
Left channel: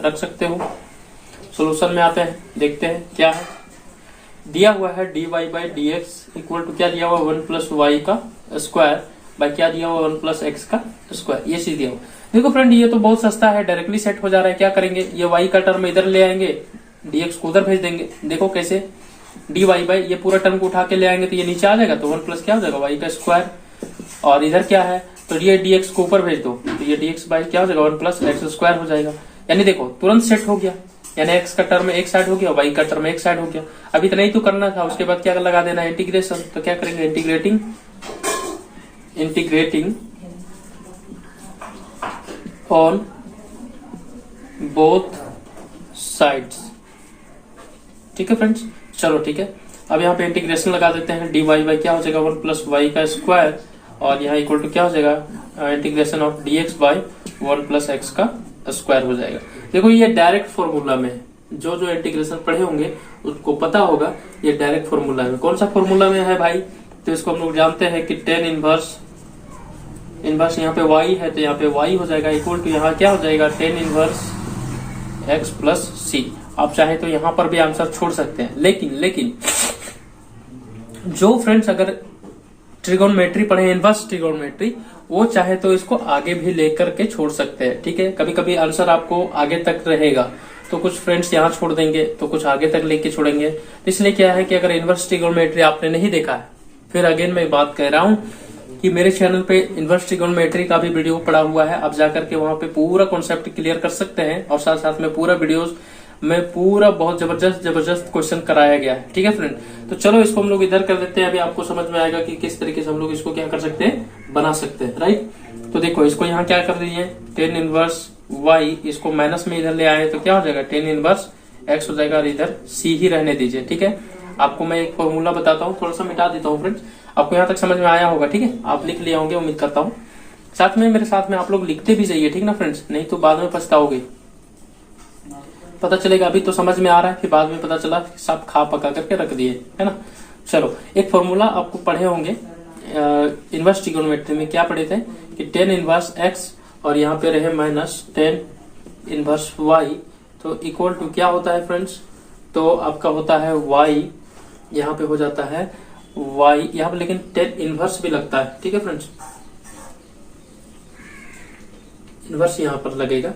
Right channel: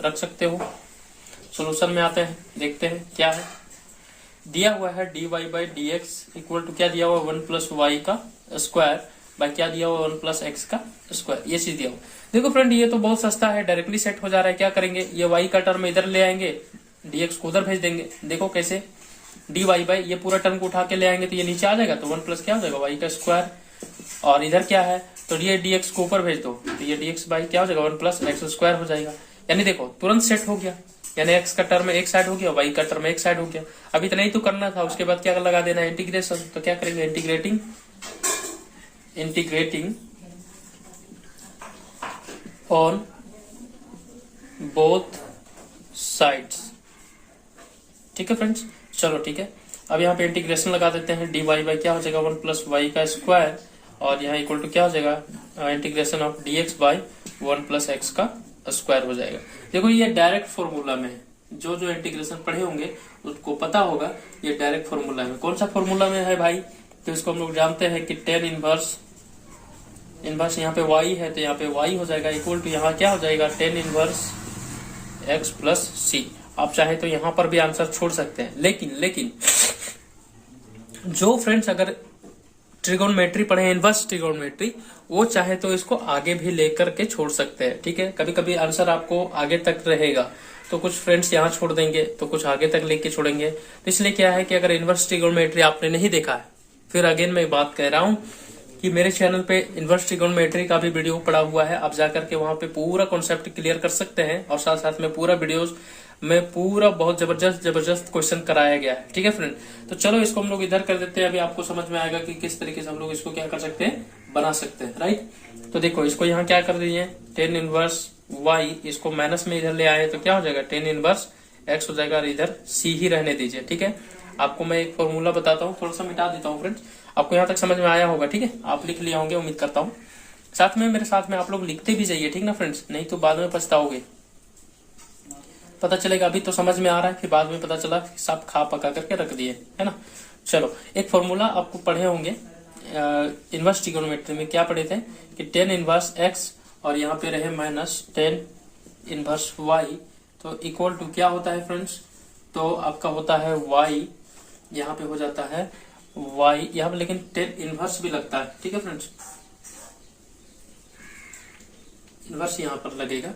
रख सकते हो। सॉल्यूशन में आते हैं, देखते हैं क्या है। दिया हुआ है dy by dx equal to क्या दिया हुआ, 1 प्लस वाई का स्क्वायर बाई क्या दिया हुआ, 1 प्लस एक्स का स्क्वायर, ये चीज दिया हुआ। देखो फ्रेंड, ये तो बहुत सस्ता है, डायरेक्टली सेट हो जा रहा है। क्या करेंगे, ये y का टर्म इधर ले आएंगे, dx को उधर भेज देंगे। देखो कैसे, dy बाई ये पूरा टर्म को उठा के ले आएंगे तो ये नीचे आ जाएगा, तो 1 प्लस क्या हो जाएगा, y का स्क्वायर, और इधर क्या है, तो ये dx को ऊपर भेज दो, तो ये dx बाई क्या हो जाएगा, 1 प्लस एक्स स्क्वायर हो जाएगा। यानी देखो तुरंत सेट हो गया, यानी x का टर्म एक साइड हो गया, y का टर्म एक साइड हो गया। अब इतना ही तो करना था, उसके बाद क्या लगा देना है, इंटीग्रेशन। तो क्या करेंगे, इंटीग्रेटिंग ऑन बोथ साइड्स। ठीक है फ्रेंड्स, चलो ठीक है, अब यहाँ पे इंटीग्रेशन लगा देते हैं, dy बाई क्या हो जाएगा, 1 प्लस वाई का स्क्वायर, और यहाँ इक्वल टू क्या हो जाएगा, integration of dx by 1 plus x का स्क्वायर हो जाएगा। देखो ये डायरेक्ट फॉर्मूला में है, जो जो इंटीग्रेशन पढ़े होंगे उसको पता होगा, ये डायरेक्ट फॉर्मूला में। कौन सा फॉर्मूला में है भाई, तो इसको हम लोग जानते हैं कि टेन इनवर्स यहाँ पे y है, तो यहाँ पे y हो जाएगा इक्वल टू यहाँ क्या हो जाएगा, टेन इनवर्स x प्लस सी। आप चाहे तो यहाँ पर भी आंसर छोड़ सकते हैं, लेकिन जो फ्रेंड्स अगर ट्रिगोनोमेट्री पढ़े, इनवर्स ट्रिगोनोमेट्री, वो चाहे तो इसको आगे भी लेकर के छोड़ सकते हैं। ठीक है, कभी कभी आंसर आपको आगे तक रहेगा, तो कुछ फ्रेंड्स यहाँ छोड़ देंगे, तो कुछ आगे तक लेके छोड़ेंगे। तो इसलिए क्या है कि अगर इनवर्स ट्रिगोनोमेट्री आपने नहीं देखा है, फिर अगेन मैं बात कह रहा हूँ कि मेरे चैनल पे इनवर्स ट्रिगोनोमेट्री का भी वीडियो पड़ा हुआ है, आप जाकर के वहां पे पूरा कॉन्सेप्ट क्लियर कर सकते हैं, और साथ साथ में पूरा वीडियोस में पूरा बहुत जबरदस्त क्वेश्चन कराया गया है। ठीक है फ्रेंड, तो चलो इसको हम लोग इधर कर देते हैं, अभी आपको समझ में आएगा कि किस तरीके से हम लोग इसको क्या कर सकते हैं, बना सकते हैं। राइट, तो देखो इसको यहाँ क्या कर रही है, टेन इनवर्स y इसको माइनस में इधर ले आए तो क्या हो जाएगा, टेन इनवर्स x हो जाएगा, और इधर c ही रहने दीजिए। ठीक है, आपको मैं एक फॉर्मूला बताता हूँ, थोड़ा सा मिटा देता हूँ फ्रेंड्स, आपको यहाँ तक समझ में आया होगा। ठीक है, आप लिख लिए होंगे उम्मीद करता हूँ। साथ में मेरे साथ में आप लोग लिखते भी जाइए, ठीक ना फ्रेंड्स, नहीं तो बाद में पछताओगे। पता चलेगा अभी तो समझ में आ रहा है, फिर बाद में पता चला सब खा पका करके रख दिए, है ना। चलो, एक फॉर्मूला आपको पढ़े होंगे इनवर्स ट्रिगोनोमेट्री में, क्या पढ़े थे कि टेन इनवर्स x और यहाँ पे रहे माइनस टेन इनवर्स y, तो इक्वल टू क्या होता है फ्रेंड्स, तो आपका होता है y, यहाँ पे हो जाता है y, यहाँ पे लेकिन टेन इनवर्स भी लगता है। ठीक है फ्रेंड्स, इनवर्स यहाँ पर लगेगा,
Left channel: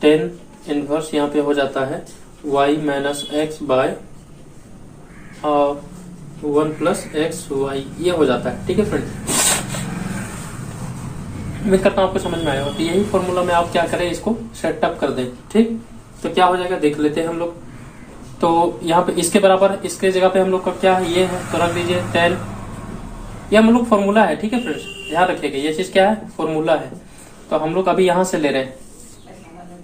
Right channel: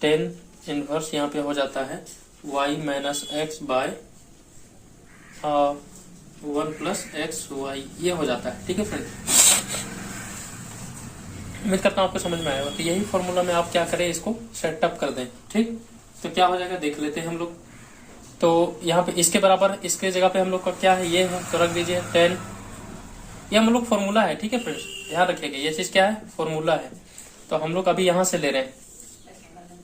टेन इनवर्स यहाँ पे हो जाता है y minus x by 1 plus x y, ये हो जाता है। ठीक है फ्रेंड, उम्मीद करता हूँ आपको समझ में आया होगा। तो यही फॉर्मूला में आप क्या करें, इसको सेटअप कर दें। ठीक, तो क्या हो जाएगा देख लेते हैं हम लोग। तो यहाँ पे इसके बराबर, इसके जगह पे हम लोग का क्या है, ये है, तो रख दीजिए 10, ये हम लोग फॉर्मूला है। ठीक है फ्रेंड्स, ध्यान रखिएगा ये चीज क्या है, फॉर्मूला है। तो हम लोग अभी यहाँ से ले रहे हैं,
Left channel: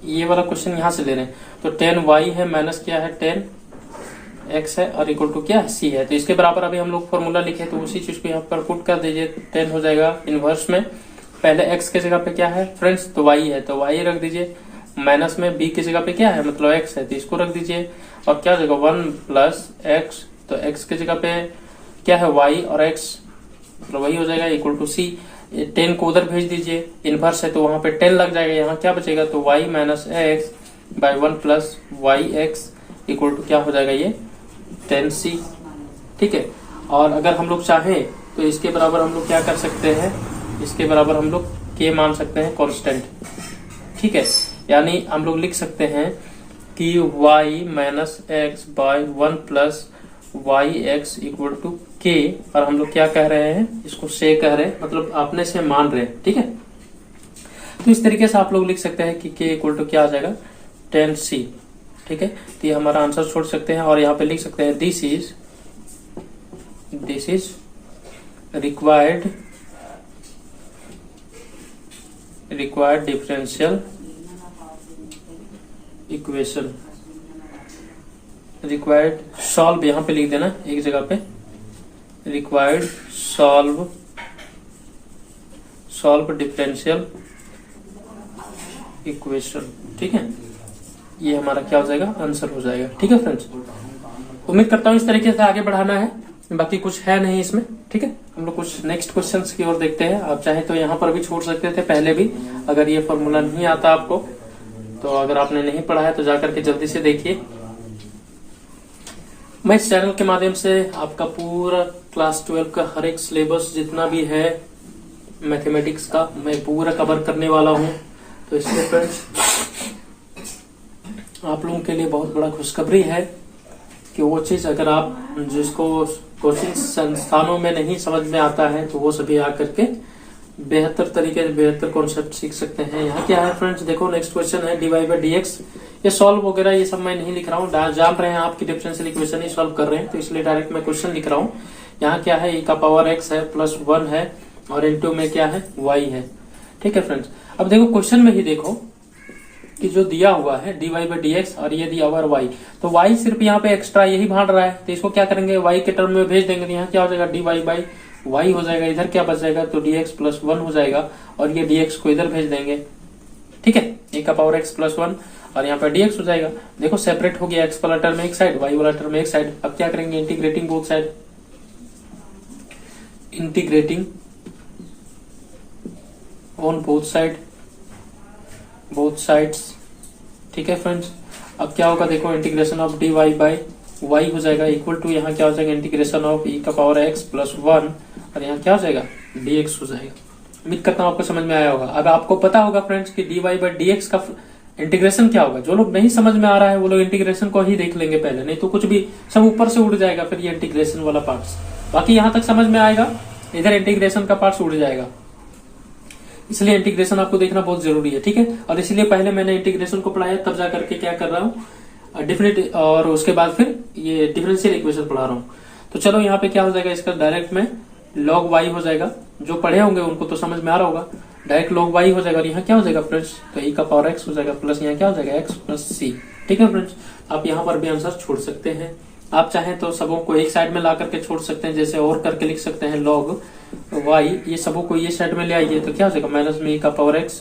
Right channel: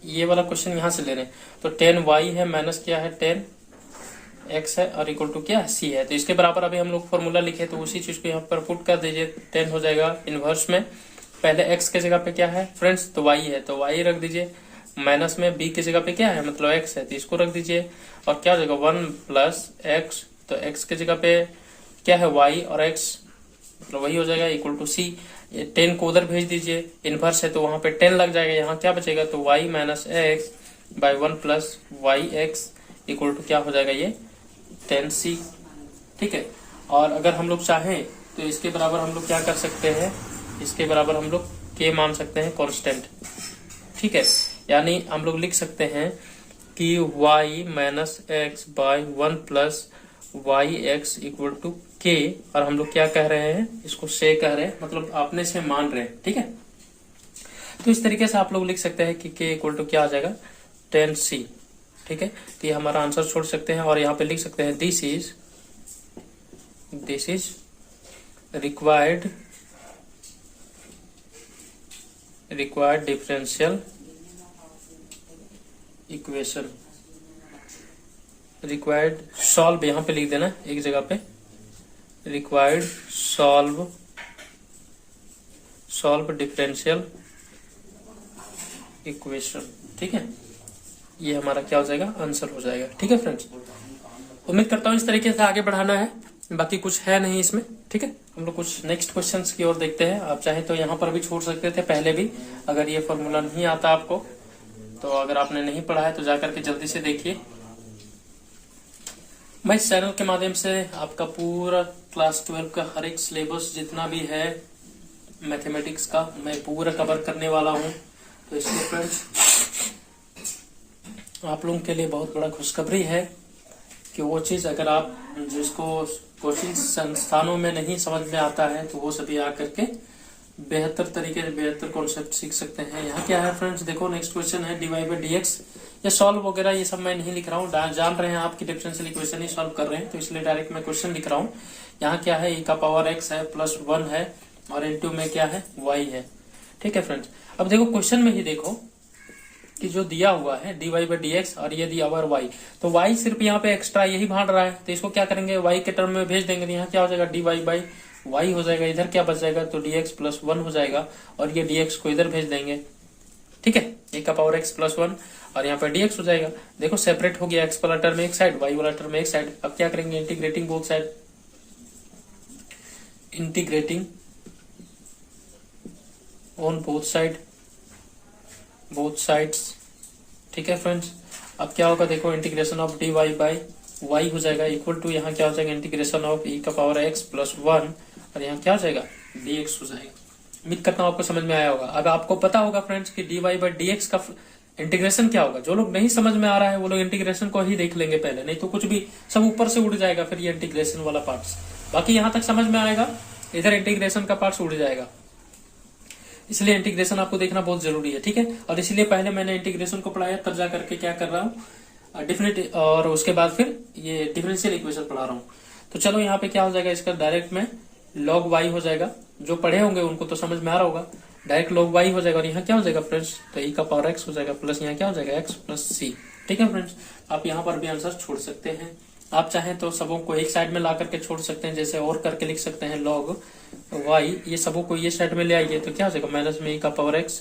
ये वाला क्वेश्चन यहाँ से ले रहे हैं। तो 10y है माइनस क्या है 10x है और इक्वल टू क्या है c है। तो इसके बराबर अभी हम लोग फॉर्मूला लिखे, तो उसी चीज को यहाँ पर पुट कर दीजिए। 10 हो जाएगा इनवर्स में, पहले x के जगह पे क्या है फ्रेंड्स, तो y है, तो y रख दीजिए। माइनस में b की जगह पे क्या है, मतलब x है, तो इसको रख दीजिए। और क्या हो जाएगा 1 प्लस x, तो x के जगह पे क्या है y और x, मतलब वही हो जाएगा इक्वल टू c। 10 को उधर भेज दीजिए, इनवर्स है तो वहां पे 10 लग जाएगा, यहाँ क्या बचेगा, तो y minus x by 1 plus y x equal to क्या हो जाएगा, ये 10c। ठीक है, और अगर हम लोग चाहें तो इसके बराबर हम लोग क्या कर सकते हैं, इसके बराबर हम लोग k मान सकते हैं कांस्टेंट। ठीक है, यानी हम लोग लिख सकते हैं कि y minus x by 1 plus y x equal to के, और हम लोग क्या कह रहे हैं, इसको से कह रहे हैं, मतलब आपने से मान रहे हैं। ठीक है, तो इस तरीके से आप लोग लिख सकते हैं कि के इक्वल टू क्या आ जाएगा 10c। ठीक है, तो ये हमारा आंसर छोड़ सकते हैं और यहाँ पे लिख सकते हैं this is required differential equation, required solve, यहाँ पे लिख देना एक जगह पे, रिक्वायर्ड सॉल्व डिफरेंशियल इक्वेशन। ठीक है, ये हमारा क्या हो जाएगा, आंसर हो जाएगा। ठीक है फ्रेंड्स, उम्मीद करता हूँ इस तरीके से आगे बढ़ाना है, बाकी कुछ है नहीं इसमें। ठीक है, हम लोग कुछ नेक्स्ट क्वेश्चंस की ओर देखते हैं। आप चाहे तो यहाँ पर भी छोड़ सकते थे पहले भी, अगर ये फॉर्मूला नहीं आता आपको, तो अगर आपने नहीं पढ़ा है तो जाकर के जल्दी से देखिए। मैं इस चैनल के माध्यम से आपका पूरा क्लास 12 का हर एक सिलेबस जितना भी है मैथमेटिक्स का, मैं पूरा कवर करने वाला हूँ। तो इसलिए फ्रेंड्स, आप लोगों के लिए बहुत बड़ा खुशखबरी है कि वो चीज अगर आप जिसको कोचिंग संस्थानों में नहीं समझ में आता है, तो वो सभी आकर के बेहतर तरीके से बेहतर कॉन्सेप्ट सीख सकते हैं। यहाँ क्या है फ्रेंड्स, देखो नेक्स्ट क्वेश्चन है dy बाई डी एक्स। ये सॉल्व वगैरह ये सब मैं नहीं लिख रहा हूँ, जान रहे हैं आपकी डिफरेंशियल इक्वेशन ही सॉल्व कर रहे हैं, तो इसलिए डायरेक्ट मैं क्वेश्चन लिख रहा हूँ। यहाँ क्या है, e का पावर x है प्लस 1 है और इनटू में क्या है y है। ठीक है फ्रेंड्स, अब देखो क्वेश्चन में ही देखो कि जो दिया हुआ है dy बाई डी एक्स और ये दिया हुआ y, तो y सिर्फ यहाँ पे एक्स्ट्रा यही भाग रहा है, तो इसको क्या करेंगे y के टर्म में भेज देंगे। तो यहाँ क्या हो जाएगा dy बाई y हो जाएगा, इधर क्या बच जाएगा, तो dx प्लस 1 हो जाएगा और ये dx को इधर भेज देंगे। ठीक है, e का पावर x प्लस 1 और यहाँ पे dx हो जाएगा। देखो सेपरेट हो गया, x वाला टर्म एक साइड, y वाला टर्म एक साइड। अब क्या करेंगे, integrating both side, integrating on both sides. ठीक है फ्रेंड्स, अब क्या होगा, देखो integration of dy by y हो जाएगा इक्वल टू, यहाँ क्या हो जाएगा इंटीग्रेशन ऑफ e का पावर x प्लस 1 और यहाँ क्या हो जाएगा dx हो जाएगा। उम्मीद करता हूँ आपको समझ में आया होगा। अब आपको पता होगा फ्रेंड्स कि dy बाई dx का इंटीग्रेशन क्या होगा। जो लोग नहीं समझ में आ रहा है वो लोग इंटीग्रेशन को ही देख लेंगे पहले, नहीं तो कुछ भी सब ऊपर से उड़ जाएगा फिर ये इंटीग्रेशन वाला पार्ट। बाकी यहाँ तक समझ में आएगा, इधर इंटीग्रेशन का पार्ट उड़ जाएगा, इसलिए इंटीग्रेशन आपको देखना बहुत जरूरी है। ठीक है, और इसलिए पहले मैंने इंटीग्रेशन को पढ़ाया, तब जाकर के क्या कर रहा हूँ डिफरेंट, और उसके बाद फिर ये डिफरेंशियल इक्वेशन पढ़ा रहा हूँ। तो चलो यहाँ पे क्या हो जाएगा, इसका डायरेक्ट में log y हो जाएगा। जो पढ़े होंगे उनको तो समझ में आ रहा होगा, डायरेक्ट log y हो जाएगा और यहाँ क्या हो जाएगा फ्रेंड्स, तो e का पावर x हो जाएगा प्लस यहाँ क्या हो जाएगा x प्लस c। ठीक है फ्रेंड्स, आप यहाँ पर भी आंसर छोड़ सकते हैं। आप चाहें तो सबों को एक साइड में ला करके छोड़ सकते हैं, जैसे और करके लिख सकते हैं log y, ये सबों को ये साइड में ले आइए तो क्या हो जाएगा माइनस में e का पावर x,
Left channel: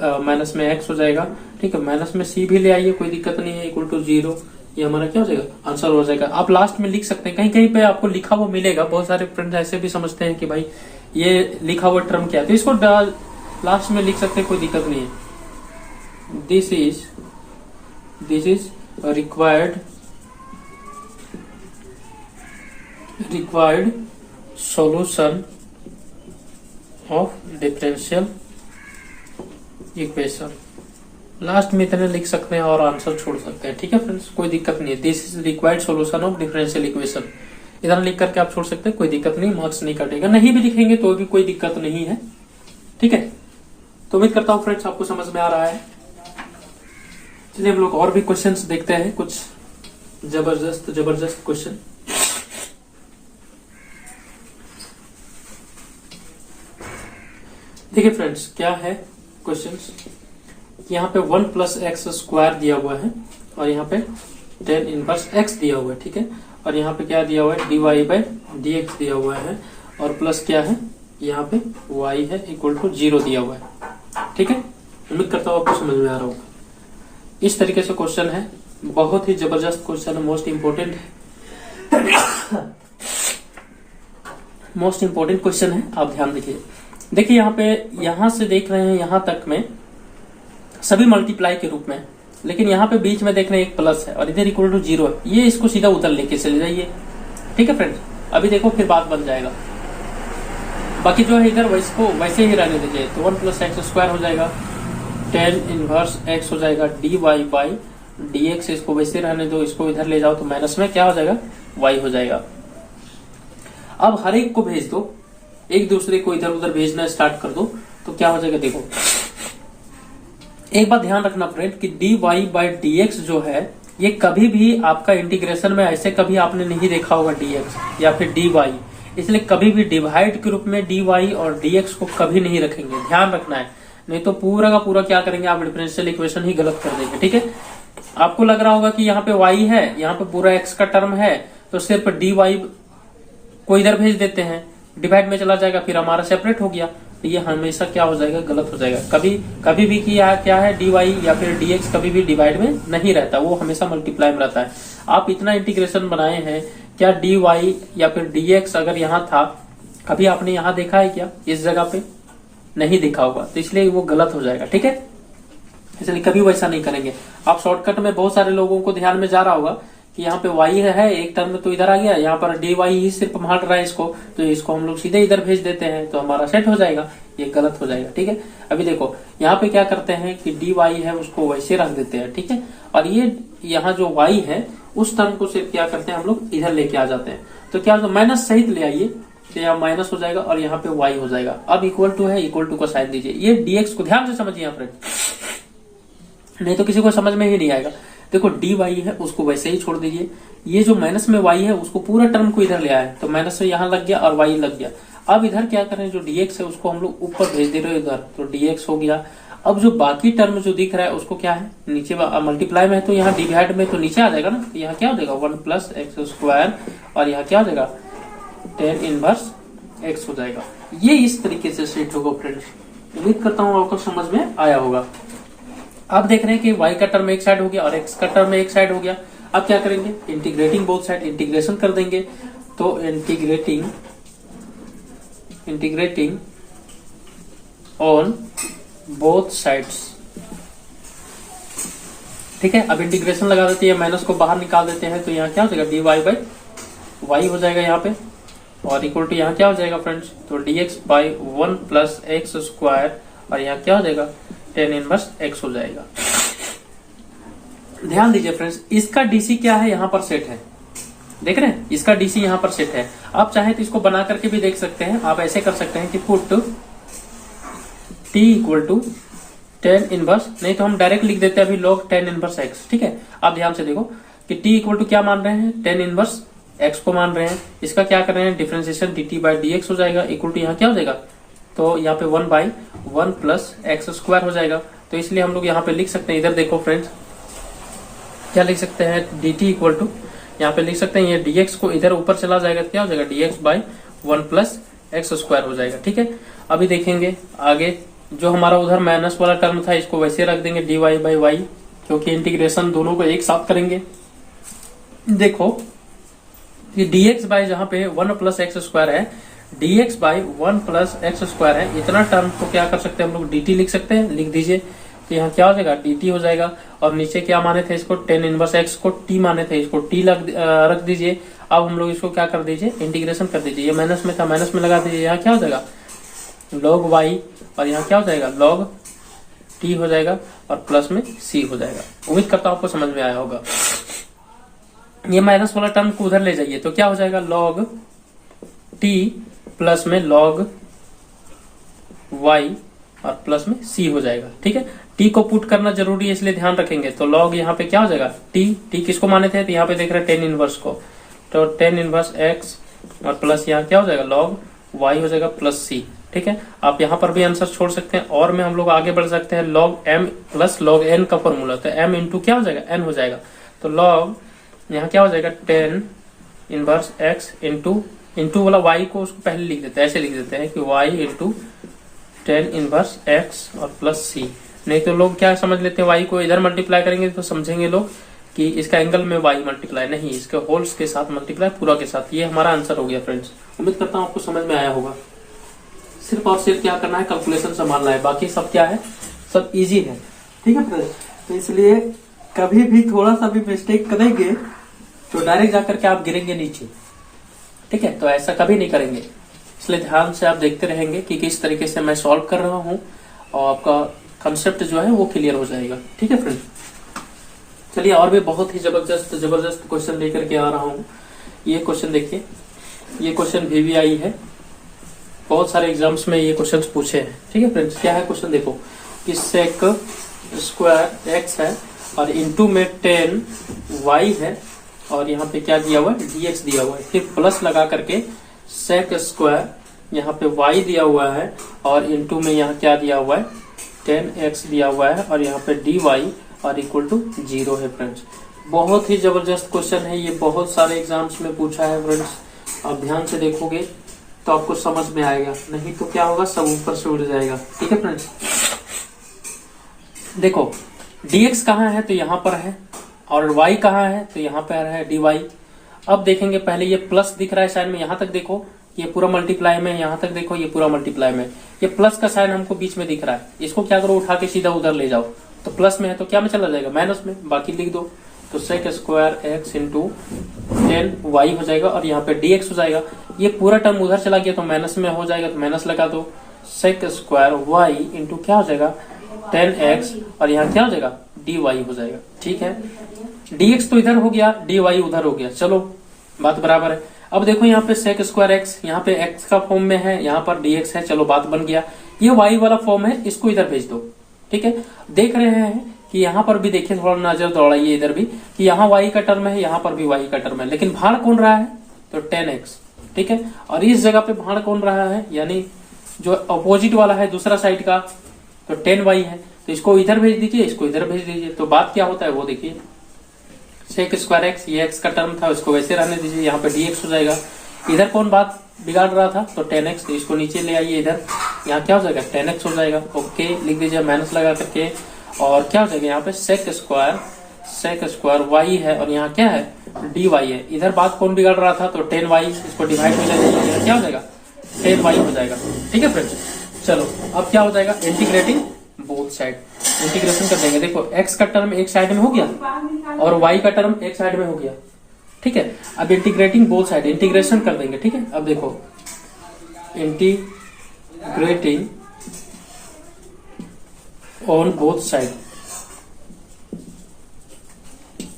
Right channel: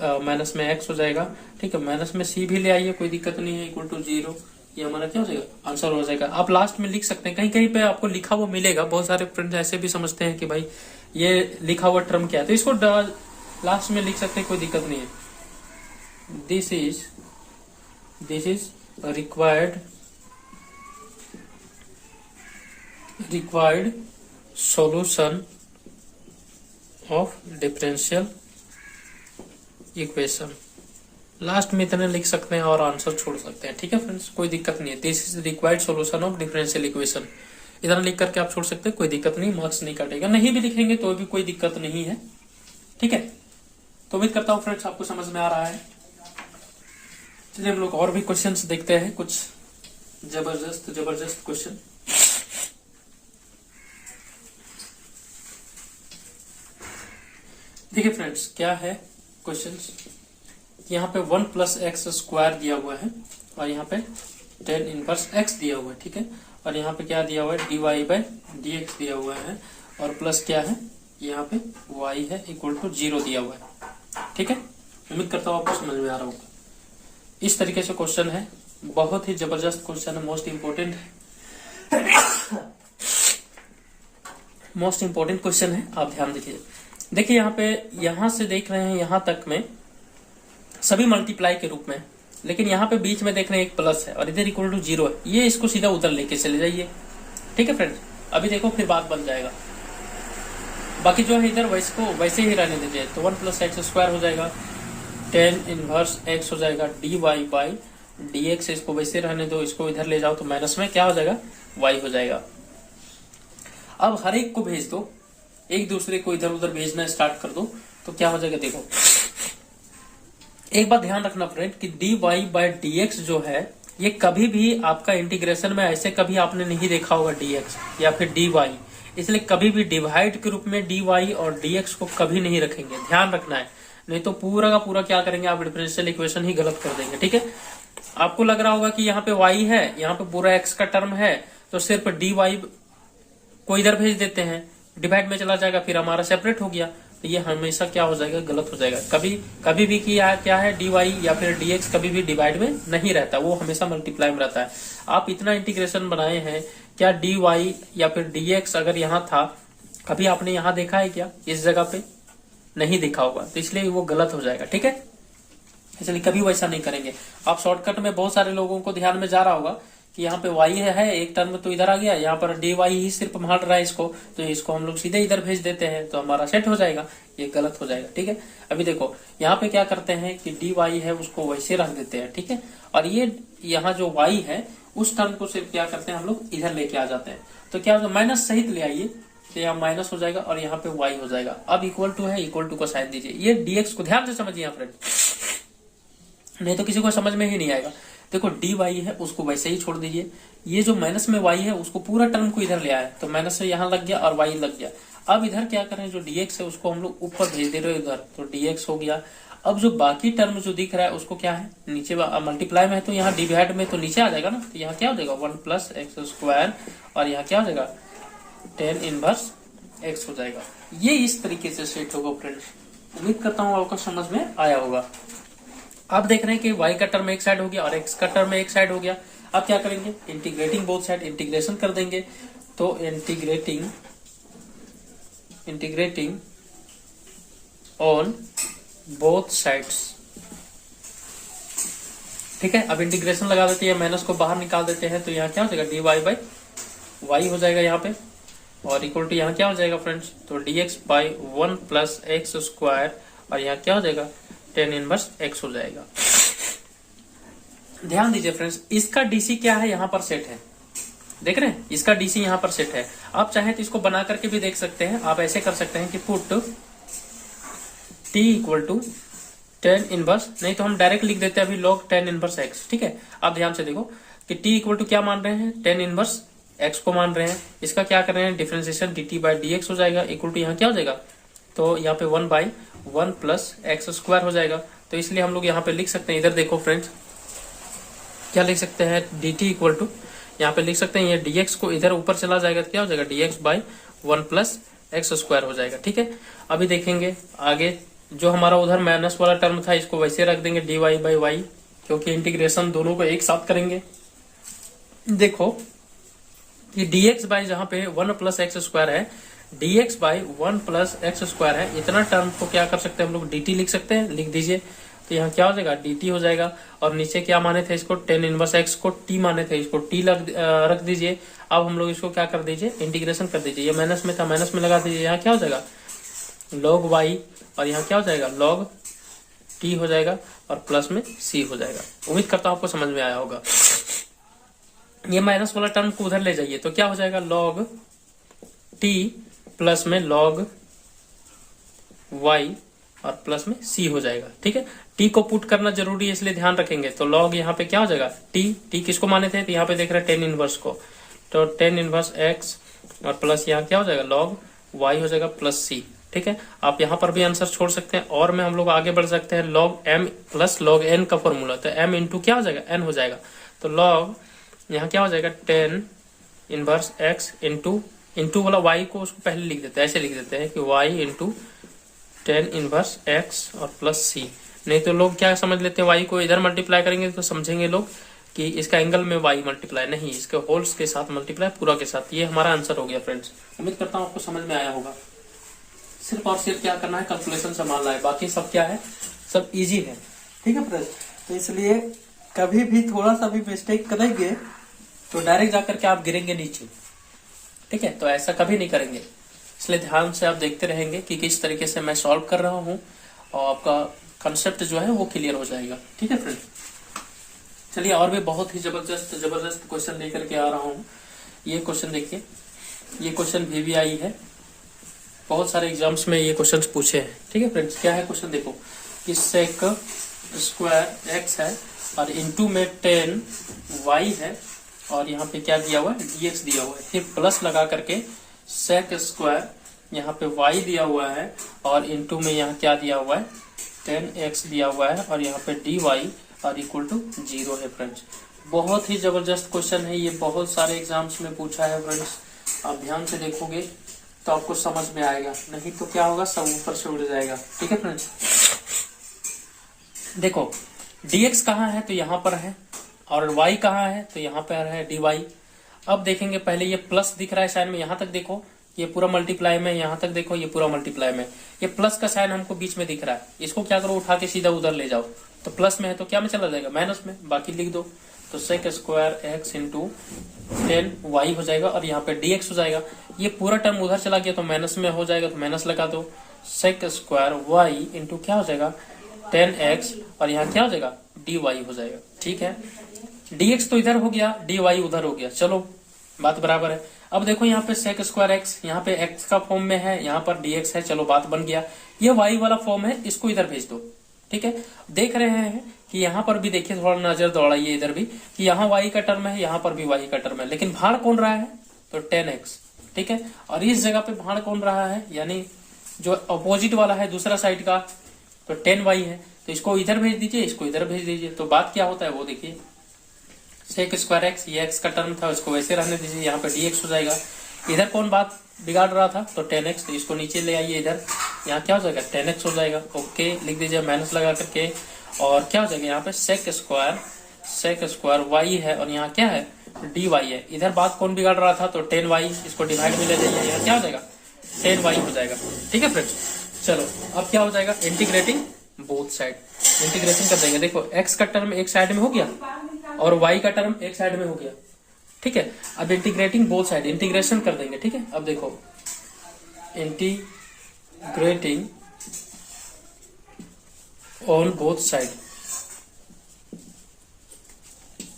माइनस में x हो जाएगा। ठीक है, माइनस में c भी ले आइए, कोई दिक्कत नहीं है, इक्वल टू 0। ये हमारा क्या हो जाएगा आंसर हो जाएगा। आप लास्ट में लिख सकते हैं, कहीं कहीं पे आपको लिखा हुआ मिलेगा, बहुत सारे फ्रेंड्स ऐसे भी समझते हैं कि भाई ये लिखा हुआ टर्म क्या है, तो इसको लास्ट में लिख सकते हैं, कोई दिक्कत नहीं है। This is required solution of differential equation. Last में इतने लिख सकते हैं और आंसर छोड़ सकते हैं। ठीक है फ्रेंड्स, कोई दिक्कत नहीं है। This is required solution of differential equation, इतना लिख करके आप छोड़ सकते हैं, कोई दिक्कत नहीं, मार्क्स नहीं कटेगा। नहीं भी लिखेंगे तो भी कोई दिक्कत नहीं है। ठीक है, तो उम्मीद करता हूं फ्रेंड्स आपको समझ में आ रहा है। चलिए हम लोग और भी क्वेश्चंस देखते हैं, कुछ जबरदस्त क्वेश्चन। देखिए फ्रेंड्स क्या है क्वेश्चंस, यहाँ पे 1 प्लस एक्स स्क्वायर दिया हुआ है और यहाँ पे tan इनवर्स x दिया हुआ है। ठीक है, और यहाँ पे क्या दिया हुआ है, dy बाई dx दिया हुआ है, और प्लस क्या है यहाँ पे y है इक्वल टू 0 दिया हुआ है। ठीक है, उम्मीद करता हूँ आपको समझ में आ रहा होगा। इस तरीके से क्वेश्चन है, बहुत ही जबरदस्त क्वेश्चन है, मोस्ट इंपोर्टेंट है, मोस्ट इंपोर्टेंट क्वेश्चन है, आप ध्यान दीजिए। देखिए यहाँ पे, यहाँ से देख रहे हैं यहाँ तक में सभी मल्टीप्लाई के रूप में, लेकिन यहाँ पे बीच में देख रहे हैं एक प्लस है और इधर इक्वल टू 0 है, ये इसको सीधा उधर लेके चले जाइए। ठीक है फ्रेंड्स, अभी देखो फिर बात बन जाएगा। बाकी जो है इधर वैसे ही रहने दीजिए, तो 1 प्लस एक्स स्क्वायर हो जाएगा, tan इनवर्स x हो जाएगा, dy बाई dx, इसको वैसे रहने दो, इसको इधर ले जाओ तो माइनस में क्या हो जाएगा y हो जाएगा। अब हर एक को भेज दो, एक दूसरे को इधर उधर भेजना स्टार्ट कर दो, तो क्या हो जाएगा देखो। एक बात ध्यान रखना फ्रेंड कि dy बाई dx जो है, ये कभी भी आपका इंटीग्रेशन में ऐसे कभी आपने नहीं देखा होगा dx या फिर dy, इसलिए कभी भी डिवाइड के रूप में dy और dx को कभी नहीं रखेंगे, ध्यान रखना है, नहीं तो पूरा का पूरा क्या करेंगे आप, डिफरेंशियल इक्वेशन ही गलत कर देंगे। ठीक है, आपको लग रहा होगा कि यहाँ पे y है, यहाँ पे पूरा x का टर्म है, तो सिर्फ dy को इधर भेज देते हैं, डिवाइड में चला जाएगा, फिर हमारा सेपरेट हो गया, तो ये हमेशा क्या हो जाएगा, गलत हो जाएगा। कभी भी क्या है dy या फिर dx कभी भी डिवाइड में नहीं रहता, वो हमेशा मल्टीप्लाई में रहता है। आप इतना इंटीग्रेशन बनाए हैं, क्या dy या फिर dx अगर यहाँ था, कभी आपने यहाँ देखा है क्या, इस जगह पे नहीं देखा होगा, तो इसलिए वो गलत हो जाएगा। ठीक है, इसलिए कभी वैसा नहीं करेंगे। आप शॉर्टकट में बहुत सारे लोगों को ध्यान में जा रहा होगा कि यहाँ पे y है एक टर्म तो इधर आ गया, यहाँ पर dy ही सिर्फ मान रहा है इसको, तो इसको हम लोग सीधे इधर भेज देते हैं, तो हमारा सेट हो जाएगा, ये गलत हो जाएगा। ठीक है, अभी देखो यहाँ पे क्या करते हैं कि dy है उसको वैसे रख देते हैं। ठीक है, और ये यहाँ जो y है उस टर्म को सिर्फ क्या करते हैं हम लोग इधर लेके आ जाते हैं, तो क्या माइनस सहित ले आइए, तो यहाँ माइनस हो जाएगा और यहाँ पे y हो जाएगा। अब इक्वल टू है, इक्वल टू को साइन दीजिए, ये dx को ध्यान से समझिए यहाँ फ्रेंड, नहीं तो किसी को समझ में ही नहीं आएगा। देखो dy है उसको वैसे ही छोड़ दीजिए, ये जो माइनस में y है उसको पूरा टर्म को इधर ले आए, तो माइनस में यहाँ लग गया और y लग गया। अब इधर क्या करें, जो dx है उसको हम लोग ऊपर भेज दे रहे हैं इधर, तो dx हो गया। अब जो बाकी टर्म जो दिख रहा है उसको क्या है, नीचे मल्टीप्लाई में है, तो यहाँ डिवाइड में तो नीचे आ जाएगा ना, तो यहाँ क्या हो जाएगा 1 प्लस एक्स स्क्वायर, और यहाँ क्या हो जाएगा tan इनवर्स x हो जाएगा। ये इस तरीके से सेट होगा फ्रेंड्स, उम्मीद करता हूँ आपको समझ में आया होगा। अब देख रहे हैं कि y का टर्म एक साइड हो गया और x का टर्म एक साइड हो गया। अब क्या करेंगे, इंटीग्रेटिंग बोथ साइड, इंटीग्रेशन कर देंगे, तो इंटीग्रेटिंग ऑन बोथ साइड्स। ठीक है, अब इंटीग्रेशन लगा देते हैं, माइनस को बाहर निकाल देते हैं, तो यहाँ क्या हो जाएगा dy बाई y हो जाएगा यहाँ पे, और इक्वल टू यहाँ क्या हो जाएगा फ्रेंड्स, तो dx by 1 plus x square, और यहाँ क्या हो जाएगा tan इनवर्स x हो जाएगा। ध्यान दीजिए फ्रेंड्स, इसका डीसी क्या है, यहाँ पर सेट है, देख रहे हैं, इसका डीसी यहाँ पर सेट है। आप चाहे तो इसको बना करके भी देख सकते हैं, आप ऐसे कर सकते हैं कि put t equal to tan inverse, नहीं तो हम डायरेक्ट लिख देते हैं अभी log tan इनवर्स x। ठीक है, आप ध्यान से देखो कि t इक्वल टू क्या मान रहे हैं, tan इनवर्स x को मान रहे हैं, इसका क्या कर रहे हैं डिफरेंशिएशन dt बाई dx हो जाएगा, इक्वल टू यहाँ क्या हो जाएगा, तो यहाँ पे 1 बाई 1 प्लस एक्स स्क्वायर हो जाएगा। तो इसलिए हम लोग यहाँ पे लिख सकते हैं, इधर देखो फ्रेंड्स, क्या लिख सकते हैं, डी टी इक्वल टू, यहाँ पे लिख सकते हैं ये dx को इधर ऊपर चला जाएगा तो क्या हो जाएगा, dx by 1 plus x square हो जाएगा। ठीक है, अभी देखेंगे आगे, जो हमारा उधर माइनस वाला टर्म था इसको वैसे रख देंगे dy बाई वाई, क्योंकि इंटीग्रेशन दोनों को एक साथ करेंगे। देखो ये dx बाई जहां पे 1 प्लस एक्स स्क्वायर है, dx by 1 plus x square है, इतना टर्म को क्या कर सकते हैं हम लोग, dt लिख सकते हैं, लिख दीजिए। तो यहाँ क्या हो जाएगा, dt हो जाएगा। और नीचे क्या माने थे इसको, tan इनवर्स x को t माने थे, इसको t रख दीजिए। अब हम लोग इसको क्या कर दीजिए, इंटीग्रेशन कर दीजिए। ये माइनस में था, माइनस में लगा दीजिए, यहाँ क्या हो जाएगा log y, और यहाँ क्या हो जाएगा log t हो जाएगा, और प्लस में c हो जाएगा। उम्मीद करता हूँ आपको समझ में आया होगा। ये माइनस वाला टर्म को उधर ले जाइए तो क्या हो जाएगा, log t प्लस में log y और प्लस में c हो जाएगा। ठीक है, t को पुट करना जरूरी है इसलिए ध्यान रखेंगे। तो log यहाँ पे क्या हो जाएगा, t किसको माने थे, तो यहाँ पे देख रहे हैं tan इनवर्स को, तो tan इनवर्स x और प्लस यहाँ क्या हो जाएगा log y हो जाएगा प्लस c। ठीक है, आप यहाँ पर भी आंसर छोड़ सकते हैं, और में हम लोग आगे बढ़ सकते हैं। log m plus log n का फॉर्मूला, तो m इंटू क्या हो जाएगा, n हो जाएगा। तो log यहाँ क्या हो जाएगा, tan इनवर्स x इंटू वाला y को उसको पहले लिख देते हैं, ऐसे लिख देते हैं कि y into tan inverse x और प्लस c। नहीं तो लोग क्या समझ लेते हैं, y को इधर मल्टीप्लाई करेंगे तो समझेंगे लोग कि इसका एंगल में y मल्टीप्लाई, नहीं, इसके होल्स के साथ मल्टीप्लाई, पूरा के साथ। ये हमारा आंसर हो गया फ्रेंड्स। उम्मीद करता हूँ आपको समझ में आया होगा। सिर्फ और सिर्फ क्या करना है, कैलकुलेशन संभालना है, बाकी सब क्या है, सब इजी है। ठीक है फ्रेंड्स, तो इसलिए कभी भी थोड़ा सा भी मिस्टेक करेंगे तो डायरेक्ट जाकर के आप गिरेंगे नीचे। ठीक है, तो ऐसा कभी नहीं करेंगे, इसलिए ध्यान से आप देखते रहेंगे कि किस तरीके से मैं सॉल्व कर रहा हूँ, और आपका कंसेप्ट जो है वो क्लियर हो जाएगा। ठीक है फ्रेंड, चलिए और भी बहुत ही जबरदस्त क्वेश्चन लेकर के आ रहा हूँ। ये क्वेश्चन देखिए, ये क्वेश्चन VVI है, बहुत सारे एग्जाम्स में ये क्वेश्चन पूछे हैं। ठीक है फ्रेंड्स, क्या है क्वेश्चन देखो, कि सेक स्क्वायर एक्स है और इंटू में 10 y है, और यहाँ पे क्या दिया हुआ है, dx दिया हुआ है, फिर प्लस लगा करके सेक स्क्वायर, यहाँ पे y दिया हुआ है, और इंटू में यहाँ क्या दिया हुआ है, 10x दिया हुआ है, और यहाँ पे dy और इक्वल टू 0 है। फ्रेंड्स, बहुत ही जबरदस्त क्वेश्चन है ये, बहुत सारे एग्जाम्स में पूछा है फ्रेंड्स। आप ध्यान से देखोगे तो आपको समझ में आएगा, नहीं तो क्या होगा, सब ऊपर से उड़ जाएगा। ठीक है फ्रेंड्स, देखो dx कहाँ है, तो यहाँ पर है, और y कहाँ है, तो यहाँ पर है dy। अब देखेंगे, पहले ये प्लस दिख रहा है साइन में, यहाँ तक देखो ये पूरा मल्टीप्लाई में, यहाँ तक देखो ये पूरा मल्टीप्लाई में, ये प्लस का साइन हमको बीच में दिख रहा है, इसको क्या करो, उठा के सीधा उधर ले जाओ, तो प्लस में है तो क्या में चला जाएगा, माइनस में, बाकी लिख दो। तो sec square x into 10y हो जाएगा, और यहाँ पे dx हो जाएगा। ये पूरा टर्म उधर चला गया तो माइनस में हो जाएगा, तो माइनस लगा दो। सेक स्क्वायर y इंटू क्या हो जाएगा, 10x, और यहाँ क्या हो जाएगा, dy हो जाएगा। ठीक है, dx तो इधर हो गया, dy उधर हो गया, चलो बात बराबर है। अब देखो यहाँ पे सेक स्क्वायर एक्स, यहाँ पे x का फॉर्म में है, यहाँ पर dx है, चलो बात बन गया। ये y वाला फॉर्म है, इसको इधर भेज दो। ठीक है, देख रहे हैं कि यहाँ पर भी देखिए, थोड़ा नजर दौड़ाइए इधर भी, कि यहाँ y का टर्म है, यहाँ पर भी y का टर्म है, लेकिन भाड़ कौन रहा है, तो 10x। ठीक है, और इस जगह पे भाड़ कौन रहा है, यानी जो अपोजिट वाला है दूसरा साइड का, तो 10y है, तो इसको इधर भेज दीजिए, इसको इधर भेज दीजिए। तो बात क्या होता है वो देखिए, सेक स्क्वायर एक्स, ये x का टर्म था, उसको वैसे रहने दीजिए, यहाँ पे dx हो जाएगा। इधर कौन बात बिगाड़ रहा था, तो 10x, तो इसको नीचे ले आइए इधर, यहाँ क्या हो जाएगा, 10x हो जाएगा। ओके, लिख दीजिए माइनस लगा करके, और क्या हो जाएगा, यहाँ पे सेक स्क्वायर y है, और यहाँ क्या है, dy है। इधर बात कौन बिगाड़ रहा था, तो 10y, इसको डिवाइड में ले जाइए, यहाँ क्या हो जाएगा, 10y हो जाएगा। ठीक है फ्रेंड्स, चलो अब क्या हो जाएगा, इंटीग्रेटिंग बोथ साइड, इंटीग्रेशन कर देंगे। देखो x का टर्म एक साइड में हो गया, और y का टर्म एक साइड में हो गया। ठीक है, अब इंटीग्रेटिंग बोथ साइड, इंटीग्रेशन कर देंगे। ठीक है, अब देखो इंटीग्रेटिंग ऑन बोथ साइड।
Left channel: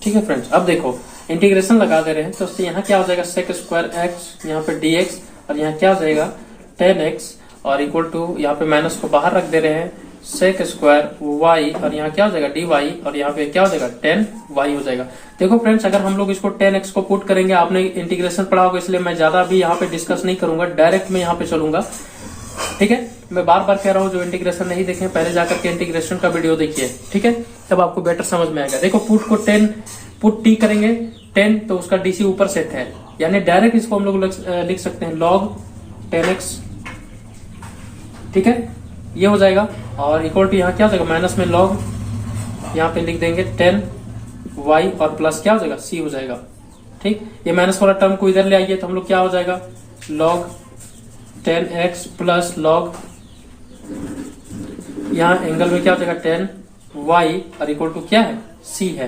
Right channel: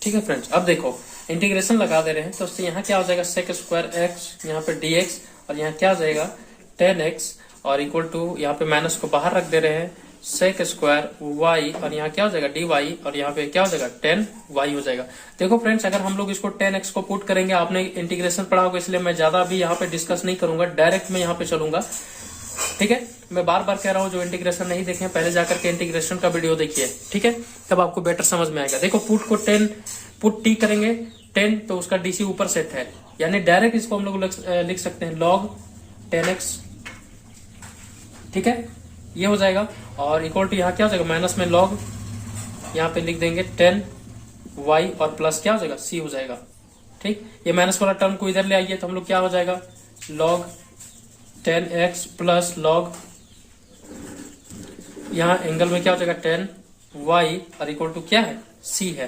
ठीक है फ्रेंड्स, अब देखो इंटीग्रेशन लगा दे रहे हैं, तो यहाँ क्या हो जाएगा, सेक स्क्वायर एक्स, यहाँ पे dx, और यहाँ क्या हो जाएगा 10x, और इक्वल टू यहाँ पे माइनस को बाहर रख दे रहे हैं, सेक स्क्वायर y, और यहाँ क्या हो जाएगा dy, और यहाँ पे क्या हो जाएगा 10y हो जाएगा। देखो फ्रेंड्स, अगर हम लोग इसको 10x को पुट करेंगे, आपने इंटीग्रेशन पढ़ा होगा, इसलिए मैं ज्यादा भी यहाँ पे डिस्कस नहीं करूंगा, डायरेक्ट मैं यहाँ पे चलूंगा। ठीक है, मैं बार बार कह रहा हूँ जो इंटीग्रेशन नहीं देखे पहले जाकर के इंटीग्रेशन का वीडियो देखिए, ठीक है, तब आपको बेटर समझ में आएगा। देखो पुट को 10 पुट टी करेंगे 10 तो उसका डीसी ऊपर सेट है, यानी डायरेक्ट इसको हम लोग लिख सकते हैं log 10x, ठीक है, ये हो जाएगा। और इक्वल टू यहाँ क्या हो जाएगा माइनस में log, यहाँ पे लिख देंगे 10y और प्लस क्या हो जाएगा c हो जाएगा, ठीक। ये माइनस वाला टर्म को इधर ले आइए तो हम लोग क्या हो जाएगा log 10x प्लस log, यहाँ एंगल में क्या हो जाएगा 10y और इक्वल टू क्या है c है,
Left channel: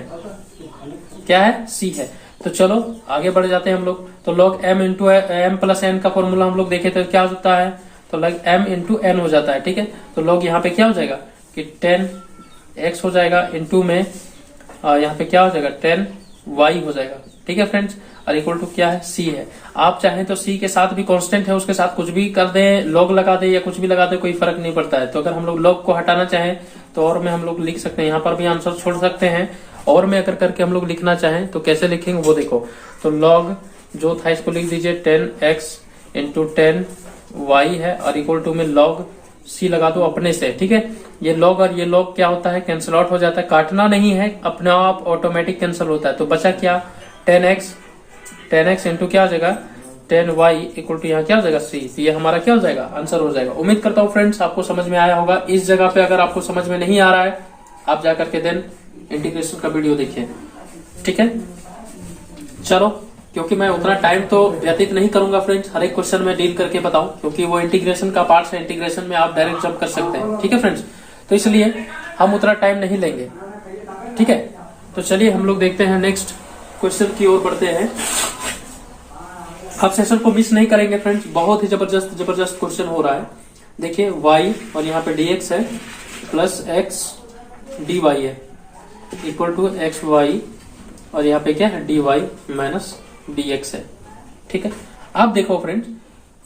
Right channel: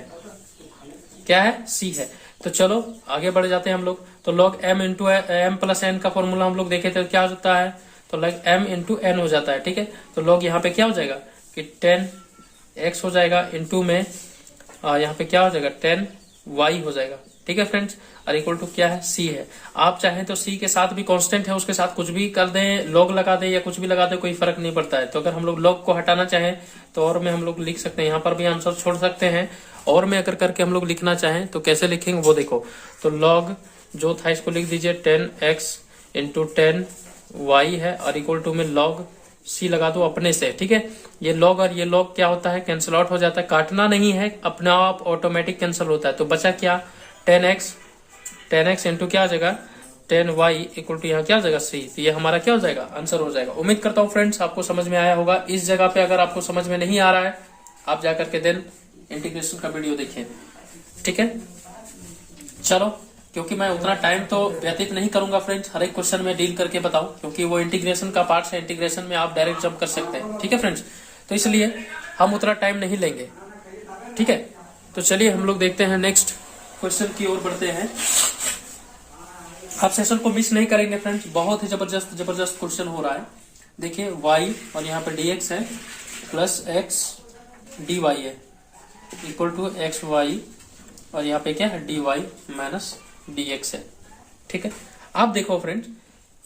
क्या है c है। तो चलो आगे बढ़ जाते हैं हम लोग। तो log m इंटू एम प्लस एन का फॉर्मूला हम लोग देखे थे क्या होता है, तो log m इंटू एन हो जाता है, ठीक है। तो log यहाँ पे क्या हो जाएगा कि 10x हो जाएगा इंटू में यहाँ पे क्या हो जाएगा 10y हो जाएगा, ठीक है फ्रेंड्स, और इक्वल टू क्या है c है। आप चाहें तो c के साथ भी कांस्टेंट है उसके साथ कुछ भी कर दें, log लगा दे या कुछ भी लगा दे, कोई फर्क नहीं पड़ता है। तो अगर हम लोग log को हटाना चाहें तो और में हम लोग लिख सकते हैं, यहाँ पर भी आंसर छोड़ सकते हैं, और में अगर करके हम लोग लिखना चाहें तो कैसे लिखेंगे वो देखो। तो log जो था इसको लिख दीजिए 10x इंटू 10y है और इक्वल टू में log c लगा दो अपने से, ठीक है। ये log और ये log क्या होता है कैंसिल आउट हो जाता है, काटना नहीं है, अपने आप ऑटोमेटिक कैंसिल होता है। तो बचा क्या 10x इंटू क्या हो जाएगा 10y इक्वल टू यहाँ क्या हो जाएगा c, तो ये हमारा क्या हो जाएगा आंसर हो जाएगा। उम्मीद करता हूँ फ्रेंड्स आपको समझ में आया होगा। इस जगह पे अगर आपको समझ में नहीं आ रहा है आप जाकर के देन इंटीग्रेशन का वीडियो देखिए, ठीक है। चलो क्योंकि मैं उतना टाइम तो व्यतीत नहीं करूंगा फ्रेंड्स, हर एक क्वेश्चन में डील करके बताऊं, क्योंकि वो इंटीग्रेशन का पार्ट है, इंटीग्रेशन में आप डायरेक्ट जंप कर सकते हैं, ठीक है फ्रेंड्स। तो इसलिए हम उतना टाइम नहीं लेंगे, ठीक है। तो चलिए हम लोग देखते हैं नेक्स्ट क्वेश्चन की ओर बढ़ते हैं। आप सेशन को मिस नहीं करेंगे फ्रेंड्स, बहुत ही जबरदस्त क्वेश्चन हो रहा है। देखिए y और यहाँ पे dx है प्लस x dy है इक्वल टू एक्स वाई और यहाँ पे क्या है dy माइनस dx है, ठीक है। आप देखो फ्रेंड्स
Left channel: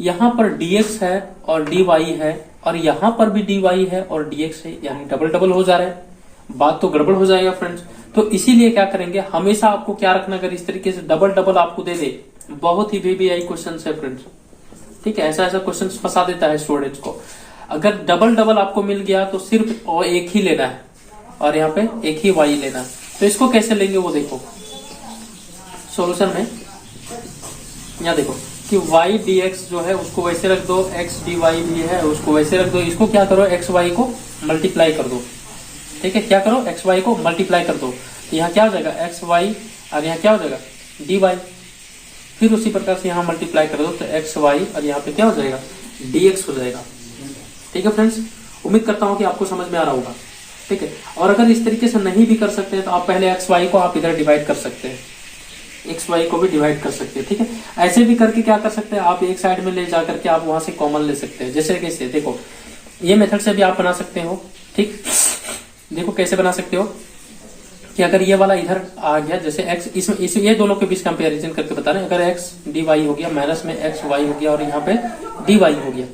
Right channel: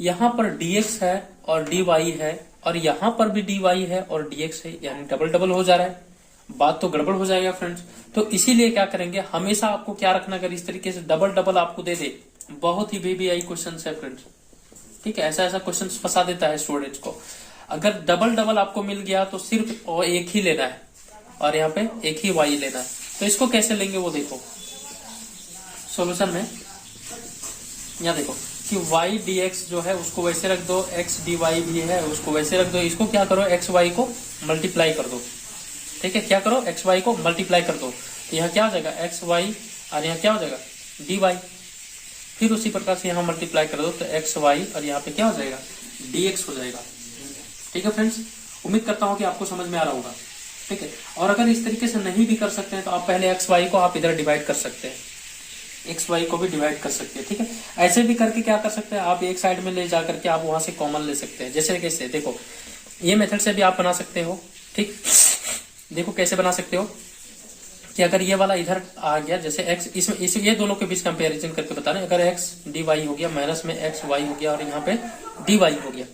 यहाँ पर dx है और dy है और यहाँ पर भी dy है और dx है, यानी डबल डबल हो जा रहा है, बात तो गड़बड़ हो जाएगा फ्रेंड्स। तो इसीलिए क्या करेंगे, हमेशा आपको क्या रखना, अगर इस तरीके से डबल डबल आपको दे दे, बहुत ही VBI क्वेश्चन है फ्रेंड्स, ठीक है। ऐसा क्वेश्चन फंसा देता है स्टूडेंट्स को। अगर डबल डबल आपको मिल गया तो सिर्फ एक ही लेना है और यहाँ पे एक ही y लेना है। तो इसको कैसे लेंगे वो देखो सॉल्यूशन में, यहाँ देखो कि y dx जो है उसको वैसे रख दो, x dy भी है उसको वैसे रख दो, इसको क्या करो x y को मल्टीप्लाई कर दो, ठीक है। क्या करो x y को मल्टीप्लाई कर दो, तो यहाँ क्या हो जाएगा x y और यहाँ क्या हो जाएगा dy, फिर उसी प्रकार से यहाँ मल्टीप्लाई कर दो तो x y और यहाँ पे क्या हो जाएगा dx हो जाएगा, ठीक है फ्रेंड्स। उम्मीद करता हूँ कि आपको समझ में आ रहा होगा, ठीक है। और अगर इस तरीके से नहीं भी कर सकते हैं तो आप पहले एक्स वाई को आप इधर डिवाइड कर सकते हैं, एक्स वाई को भी डिवाइड कर सकते हैं, ठीक है। ऐसे भी करके क्या कर सकते हैं, आप एक साइड में ले जाकर के आप वहां से कॉमन ले सकते हैं। जैसे कैसे देखो, ये मेथड से भी आप बना सकते हो, ठीक। देखो कैसे बना सकते हो कि अगर ये वाला इधर आ गया, जैसे एक्स इसमें ये दोनों के बीच कंपेरिजन करके बता रहे हैं। अगर एक्स डी वाई हो गया माइनस में एक्स वाई हो गया और यहाँ पे डी वाई हो गया,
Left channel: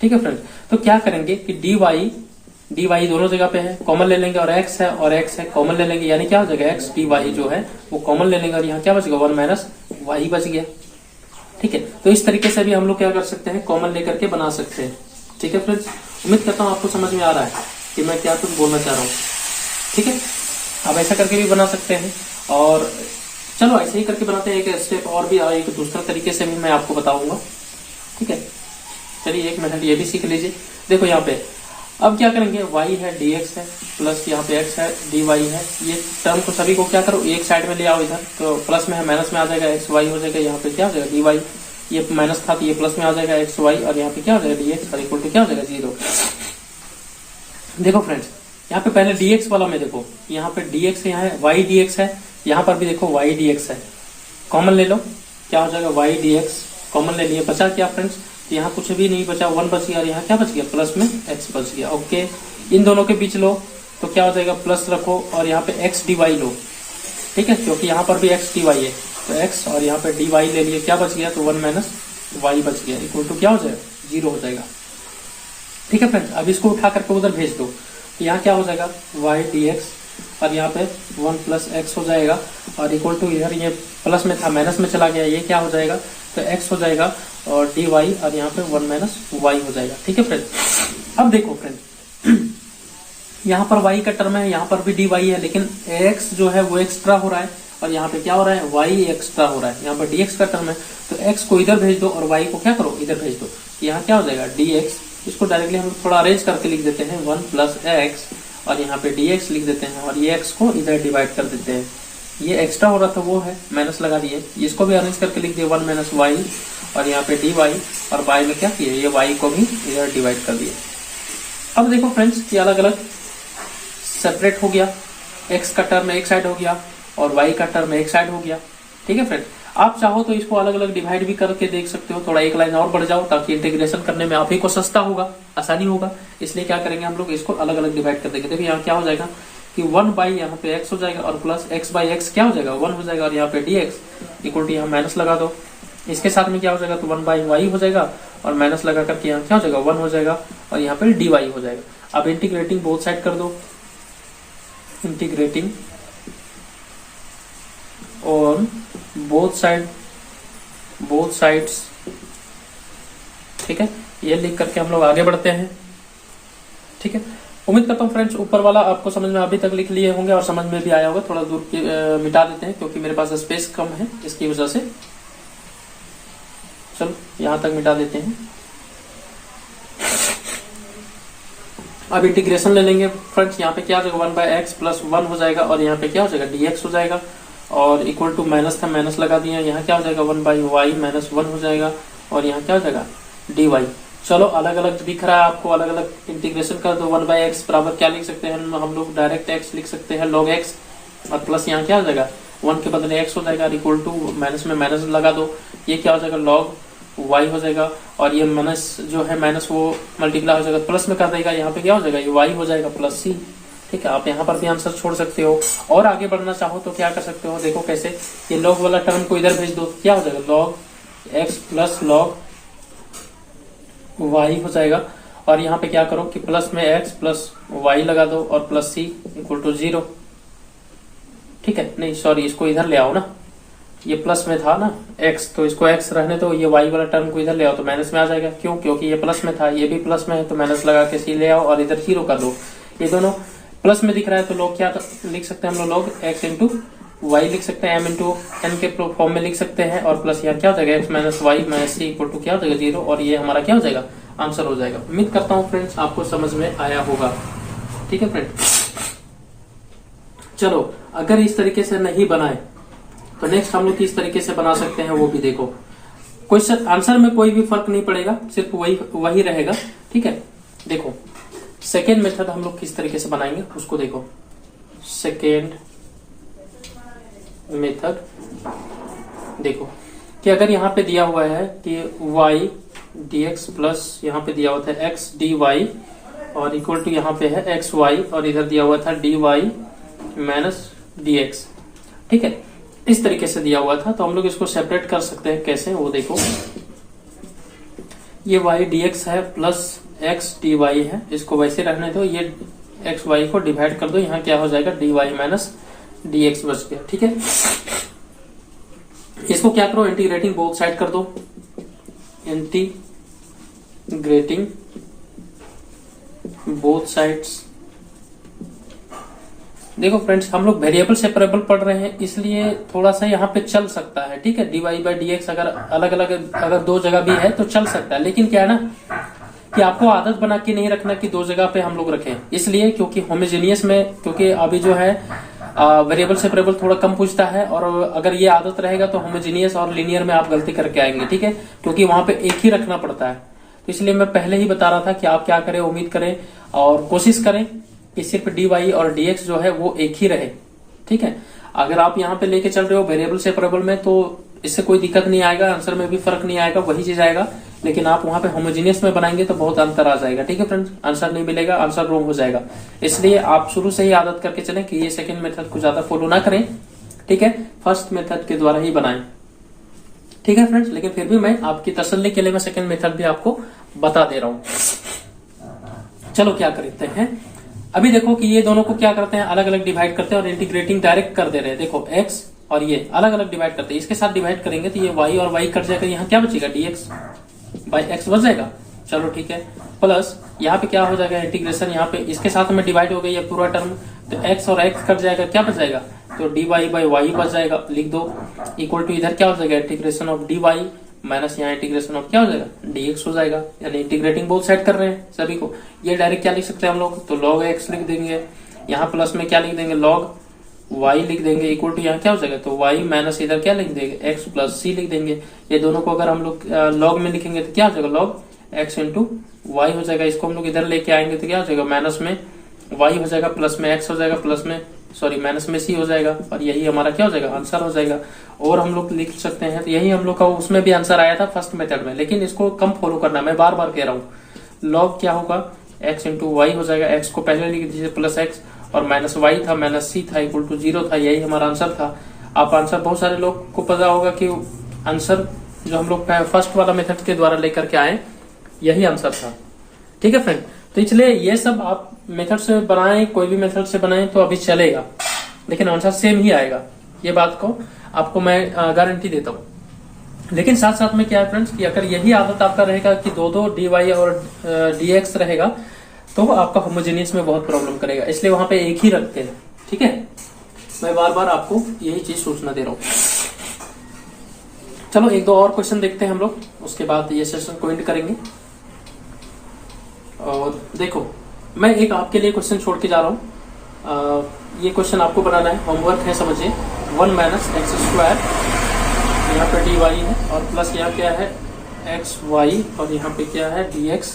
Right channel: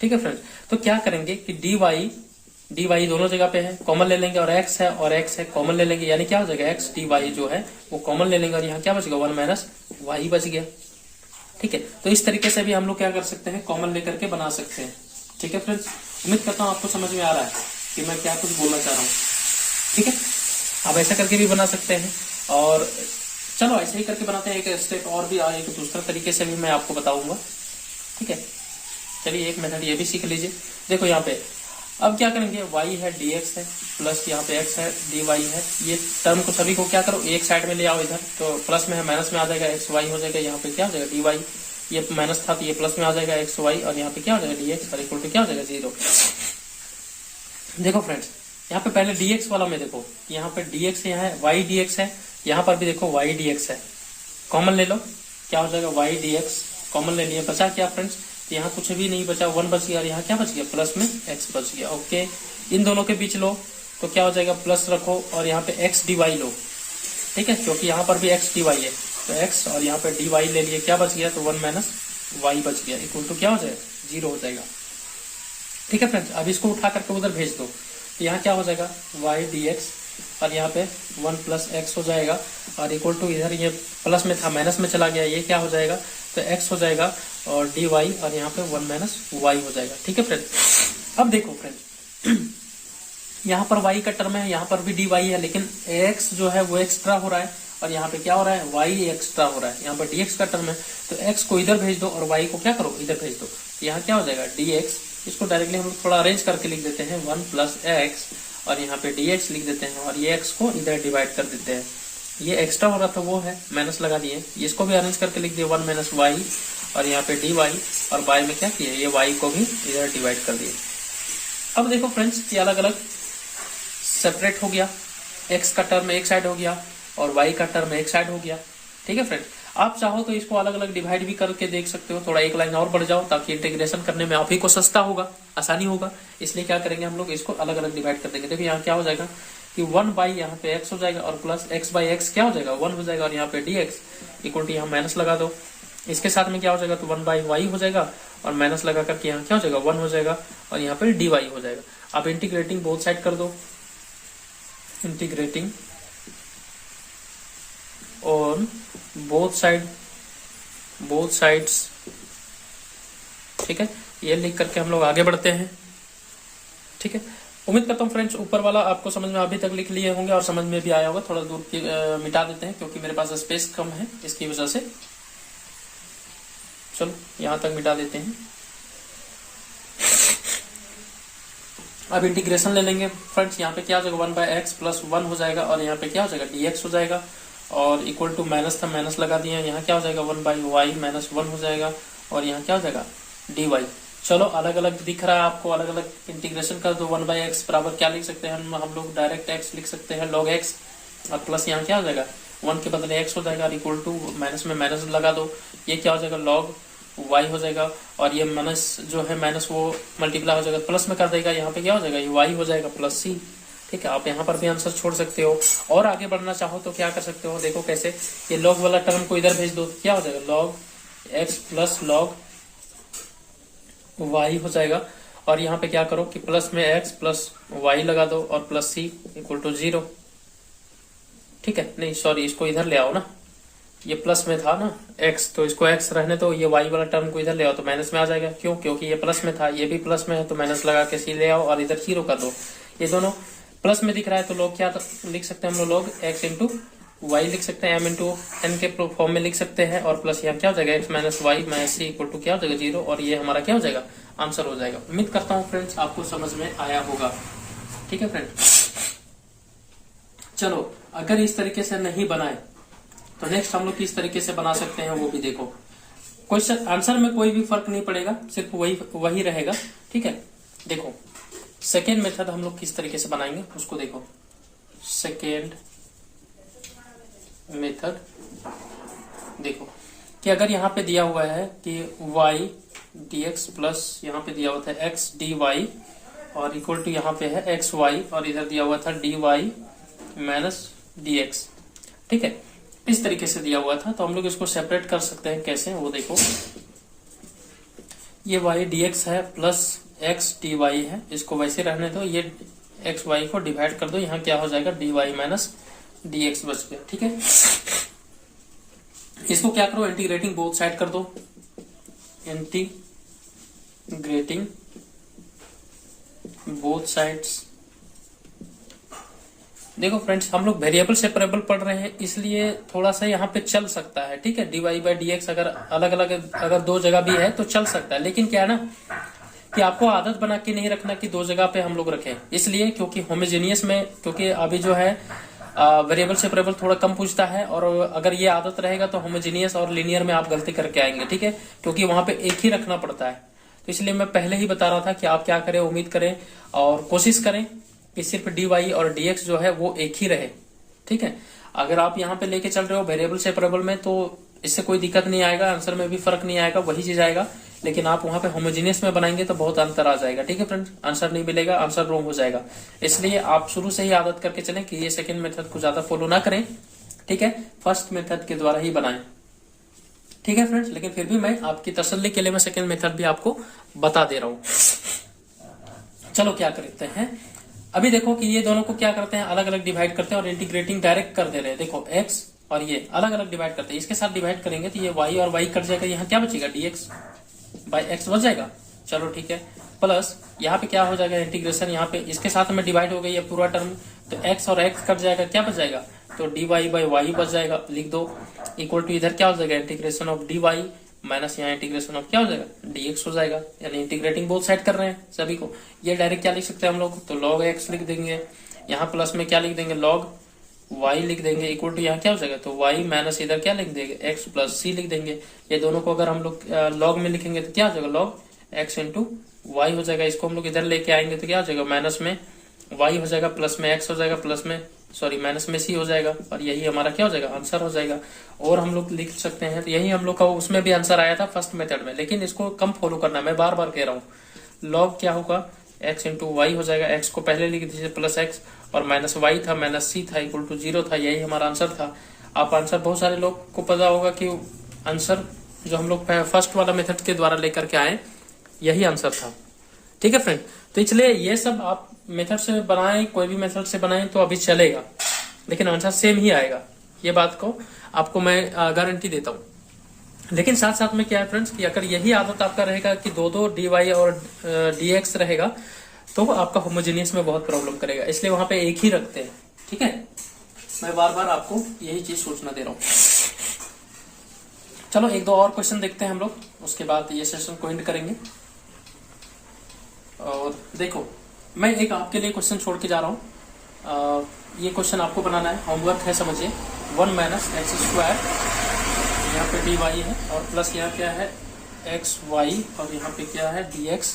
ठीक है फ्रेंड्स। तो क्या करेंगे कि डी वाई दोनों जगह पे है, कॉमन ले लेंगे, और एक्स है और एक्स है कॉमन ले लेंगे, यानी क्या हो जाएगा एक्स डी वाई जो है वो कॉमन ले लेंगे और यहाँ क्या बचेगा 1 माइनस वाई बच गया, ठीक है। तो इस तरीके से भी हम लोग क्या कर सकते हैं, कॉमन लेकर के बना सकते हैं, ठीक है फ्रेंड्स। उम्मीद करता हूँ आपको समझ में आ रहा है कि मैं क्या कुछ बोलना चाह रहा हूँ, ठीक है। आप ऐसा करके भी बना सकते हैं, और चलो ऐसे ही करके बनाते हैं। एक स्टेप और भी एक दूसरा तरीके से भी मैं आपको बताऊंगा, ठीक है। चलिए एक मेथड ये भी सीख लीजिए। देखो यहाँ पे अब क्या करेंगे, y है dx है प्लस यहाँ पे x है dy है, ये टर्म को सभी को क्या करो एक साइड में ले आओ इधर, तो प्लस में है माइनस में आ जाएगा x y हो जाएगा, यहाँ पे क्या हो जाएगा dy, ये माइनस था तो ये प्लस में आ जाएगा x y और यहाँ पे क्या हो जाएगा dx और इक्वल टू क्या हो जाएगा 0। देखो फ्रेंड्स यहाँ पे पहले dx वाला में देखो, यहाँ पे dx यहाँ है y dx है, यहाँ पर भी देखो y dx है, कॉमन ले लो, क्या हो जाएगा y dx कॉमन ले लिया, बचा क्या फ्रेंड्स, यहाँ कुछ भी नहीं बचा, 1 बच गया और यहाँ क्या बच गया प्लस में x बच गया, ओके। इन दोनों के बीच लो तो क्या हो जाएगा प्लस रखो और यहाँ पे x dy लो, ठीक है, क्योंकि यहाँ पर भी x dy है, तो x और यहाँ पे dy ले लिए, क्या बच गया तो 1 माइनस y बच गया, इक्वल टू क्या हो जाएगा 0 हो जाएगा, ठीक है फ्रेंड्स। अब इसको उठा करके उधर भेज दो, तो यहाँ क्या हो जाएगा y dx और यहाँ पे 1 प्लस x हो जाएगा और इक्वल टू इधर ये प्लस में था माइनस में चला गया, ये क्या हो जाएगा तो x हो जाएगा और dy और यहाँ पे 1 माइनस वाई हो जाएगा। ठीक है फ्रेंड। अब देखो फ्रेंड यहाँ पर y का टर्म है, यहाँ पर भी dy है, लेकिन x जो है वो एक्स्ट्रा हो रहा है और यहाँ पे क्या हो रहा है, y एक्स्ट्रा हो रहा है। यहाँ पर dx का टर्म है तो x को इधर भेज दो और y को क्या करो, इधर भेज दो। यहाँ क्या हो जाएगा dx, इसको डायरेक्टली हम थोड़ा अरेंज करके लिख देते हैं 1 प्लस x और यहाँ पे dx लिख देते हैं और ये x को इधर डिवाइड कर देते हैं। ये एक्स्ट्रा हो रहा था वो है, माइनस लगा दिए, इसको भी अरेंज करके लिख दिए 1 माइनस वाई और यहाँ पे dy और y में क्या किए, ये y को भी इधर डिवाइड कर दिए। अब देखो फ्रेंड्स ये अलग अलग सेपरेट हो गया, x का टर्म एक साइड हो गया और y का टर्म एक साइड हो गया। ठीक है फ्रेंड। आप चाहो तो इसको अलग अलग डिवाइड भी करके देख सकते हो, थोड़ा एक लाइन और बढ़ जाओ ताकि इंटीग्रेशन करने में आप ही को सस्ता होगा, आसानी होगा। इसलिए क्या करेंगे हम लोग, इसको अलग अलग डिवाइड कर देंगे। देखिए यहाँ क्या हो जाएगा कि 1 बाई यहाँ पे x हो जाएगा और प्लस x बाई x क्या हो जाएगा 1 हो जाएगा और यहाँ पे dx इक्वल टू यहाँ माइनस लगा दो, इसके साथ में क्या हो जाएगा तो 1 बाई y हो जाएगा और माइनस लगा करके यहाँ क्या हो जाएगा 1 हो जाएगा और यहाँ पे dy हो जाएगा। अब इंटीग्रेटिंग बोथ साइड कर दो, इंटीग्रेटिंग ऑन बोथ साइड्स। ठीक है, ये लिख करके हम लोग आगे बढ़ते हैं। ठीक है, उम्मीद करता हूँ फ्रेंड्स ऊपर वाला आपको समझ में अभी तक लिख लिए होंगे और समझ में भी आया होगा। थोड़ा दूर मिटा देते हैं क्योंकि मेरे पास स्पेस कम है, इसकी वजह से चलो यहां तक मिटा देते हैं। अब इंटीग्रेशन ले लेंगे फ्रेंड्स। यहाँ पे क्या हो जाएगा 1 बाई एक्स प्लस 1 हो जाएगा और यहाँ पे क्या हो जाएगा dx हो जाएगा और इक्वल टू माइनस था, माइनस लगा दिया। यहाँ क्या हो जाएगा 1 बाई वाई माइनस 1 हो जाएगा और यहाँ क्या हो जाएगा dy। चलो अलग अलग दिख रहा है आपको, अलग अलग इंटीग्रेशन कर दो। 1 बाई एक्स बराबर क्या लिख सकते हैं हम लोग, डायरेक्ट x लिख सकते हैं log x और प्लस यहाँ क्या हो जाएगा 1 के बदले x हो जाएगा इक्वल टू माइनस में माइनस लगा दो, ये क्या हो जाएगा log y हो जाएगा और ये माइनस जो है माइनस वो मल्टीप्लाई हो जाएगा, प्लस में कर देगा, यहाँ पे क्या हो जाएगा ये y हो जाएगा प्लस c। ठीक है, आप यहाँ पर भी आंसर छोड़ सकते हो और आगे बढ़ना चाहो तो क्या कर सकते हो, देखो कैसे, ये log वाला टर्म को इधर भेज दो, क्या हो जाएगा log x plus log y हो जाएगा और यहाँ पे क्या करो कि प्लस में x प्लस y लगा दो और प्लस c इक्वल टू 0। ठीक है, नहीं सॉरी इसको इधर ले आओ ना, ये प्लस में था ना x तो इसको x रहने दो, ये y वाला टर्म को इधर ले आओ तो माइनस में आ जाएगा। क्यों, क्योंकि ये प्लस में था, ये भी प्लस में है तो माइनस लगा के c ले आओ और इधर 0 कर दो। ये दोनों प्लस में दिख रहा है तो लोग क्या लिख सकते हैं हम लोग x इंटू वाई लिख सकते हैं, m इंटू n के फॉर्म में लिख सकते हैं और प्लस यहाँ क्या हो जाएगा x minus y minus c equal to क्या हो जाएगा 0 और ये हमारा क्या हो जाएगा आंसर हो जाएगा। उम्मीद करता हूँ फ्रेंड्स आपको समझ में आया होगा। ठीक है फ्रेंड्स, चलो अगर इस तरीके से नहीं बनाए तो नेक्स्ट हम लोग किस तरीके से बना सकते हैं वो भी देखो। क्वेश्चन आंसर में कोई भी फर्क नहीं पड़ेगा, सिर्फ वही रहेगा। ठीक है, देखो सेकेंड मेथड हम लोग किस तरीके से बनाएंगे उसको देखो। सेकेंड मेथड देखो कि अगर यहाँ पे दिया हुआ है कि y dx प्लस यहाँ पे दिया हुआ था x dy और इक्वल टू यहाँ पे है x y और इधर दिया हुआ था dy माइनस dx। ठीक है, इस तरीके से दिया हुआ था तो हम लोग इसको सेपरेट कर सकते हैं। कैसे वो देखो, ये y dx है प्लस x dy है, इसको वैसे रहने दो, ये x y को डिवाइड कर दो, यहाँ क्या हो जाएगा dy माइनस dx बच गया। ठीक है, इसको क्या करो इंटीग्रेटिंग बोथ साइड कर दो, इंटीग्रेटिंग बोथ साइड्स। देखो फ्रेंड्स हम लोग वेरिएबल सेपरेबल पढ़ रहे हैं इसलिए थोड़ा सा यहाँ पे चल सकता है। ठीक है, dy बाई dx अगर अलग अलग अगर दो जगह भी है तो चल सकता है, लेकिन क्या है ना कि आपको आदत बना के नहीं रखना कि दो जगह पे हम लोग रखें, इसलिए क्योंकि होमोजेनियस में क्योंकि अभी जो है वेरिएबल सेपरेबल थोड़ा कम पूछता है और अगर ये आदत रहेगा तो होमोजेनियस और लीनियर में आप गलती करके आएंगे। ठीक है, क्योंकि वहां पे एक ही रखना पड़ता है, तो इसलिए मैं पहले ही बता रहा था कि आप क्या करें, उम्मीद करें और कोशिश करें कि सिर्फ dy और dx जो है वो एक ही रहे। ठीक है, अगर आप यहाँ पे लेके चल रहे हो वेरिएबल सेपरेबल में तो इससे कोई दिक्कत नहीं आएगा, आंसर में भी फर्क नहीं आएगा, वही चीज आएगा। लेकिन आप वहां पे होमोजेनियस में बनाएंगे तो बहुत अंतर आ जाएगा। ठीक है फ्रेंड्स, आंसर नहीं मिलेगा, आंसर रॉन्ग हो जाएगा। इसलिए आप शुरू से ही आदत करके चलें कि ये सेकंड मेथड को ज्यादा फॉलो ना करें। ठीक है, फर्स्ट मेथड के द्वारा ही बनाएं। ठीक है फ्रेंड्स, लेकिन फिर भी मैं आपकी तसल्ली के लिए मैं सेकंड मेथड भी आपको बता दे रहा हूं। चलो क्या करते हैं, अभी देखो कि ये दोनों को क्या करते हैं अलग अलग डिवाइड करते हैं और इंटीग्रेटिंग डायरेक्ट कर दे रहे हैं। देखो x और ये अलग अलग डिवाइड करते हैं। इसके साथ डिवाइड करेंगे तो ये y और y कट जाएगा, यहाँ क्या बचेगा dx बाई x बच जाएगा। चलो ठीक है, प्लस यहाँ पे क्या हो जाएगा इंटीग्रेशन, यहाँ पे इसके साथ में डिवाइड हो गई है पूरा टर्म, तो x और x कट जाएगा, क्या बच जाएगा, तो dy बाई y बच जाएगा, लिख दो। इक्वल टू इधर क्या हो जाएगा इंटीग्रेशन ऑफ dy माइनस यहाँ इंटीग्रेशन ऑफ क्या हो जाएगा dx हो जाएगा, यानी इंटीग्रेटिंग बोथ साइड कर रहे हैं सभी को। ये डायरेक्ट क्या लिख सकते हैं हम लोग, तो log x लिख देंगे, यहाँ प्लस में क्या लिख देंगे log y लिख देंगे, इक्वल टू यहाँ क्या हो जाएगा, तो y माइनस इधर क्या लिख देंगे x प्लस c लिख देंगे। ये दोनों को अगर हम लोग log में लिखेंगे तो क्या हो जाएगा log x इंटू y हो जाएगा। इसको हम लोग इधर लेके आएंगे तो क्या हो जाएगा माइनस में y हो जाएगा, प्लस में x हो जाएगा, प्लस में माइनस में c हो जाएगा, और यही हमारा क्या हो जाएगा आंसर हो जाएगा। और हम लोग लिख सकते हैं, तो यही हम लोग का उसमें भी आंसर आया था फर्स्ट मेथड में, लेकिन इसको कम फॉलो करना, मैं बार बार कह रहा हूँ। log क्या होगा x इंटू वाई हो जाएगा, x को पहले लिख दीजिए प्लस x, और माइनस y था माइनस c था इक्वल टू 0 था, यही हमारा आंसर था। आप आंसर बहुत सारे लोग को पता होगा कि आंसर जो हम लोग फर्स्ट वाला मेथड के द्वारा लेकर के आए यही आंसर था। ठीक है फ्रेंड, तो इसलिए ये सब आप मेथड से बनाएं, कोई भी मेथड से बनाएं तो अभी चलेगा, लेकिन आंसर सेम ही आएगा, ये बात को आपको मैं गारंटी देता हूँ। लेकिन साथ साथ में क्या है फ्रेंड्स कि अगर यही आदत आपका रहेगा कि दो dy और dx रहेगा तो आपका होमोजेनियस में बहुत प्रॉब्लम करेगा, इसलिए वहां पे एक ही रखते हैं। ठीक है, मैं बार बार आपको यही चीज सूचना दे रहा हूँ। चलो एक दो और क्वेश्चन देखते हैं हम लोग, उसके बाद ये सेशन को एंड करेंगे। और देखो मैं एक आपके लिए क्वेश्चन छोड़ के जा रहा हूँ, ये क्वेश्चन आपको बनाना है, होमवर्क है, समझिए। 1 माइनस एक्स स्क्वायर, यहाँ पे dy है, और प्लस यहाँ क्या है एक्स वाई, और यहाँ पे क्या है dx,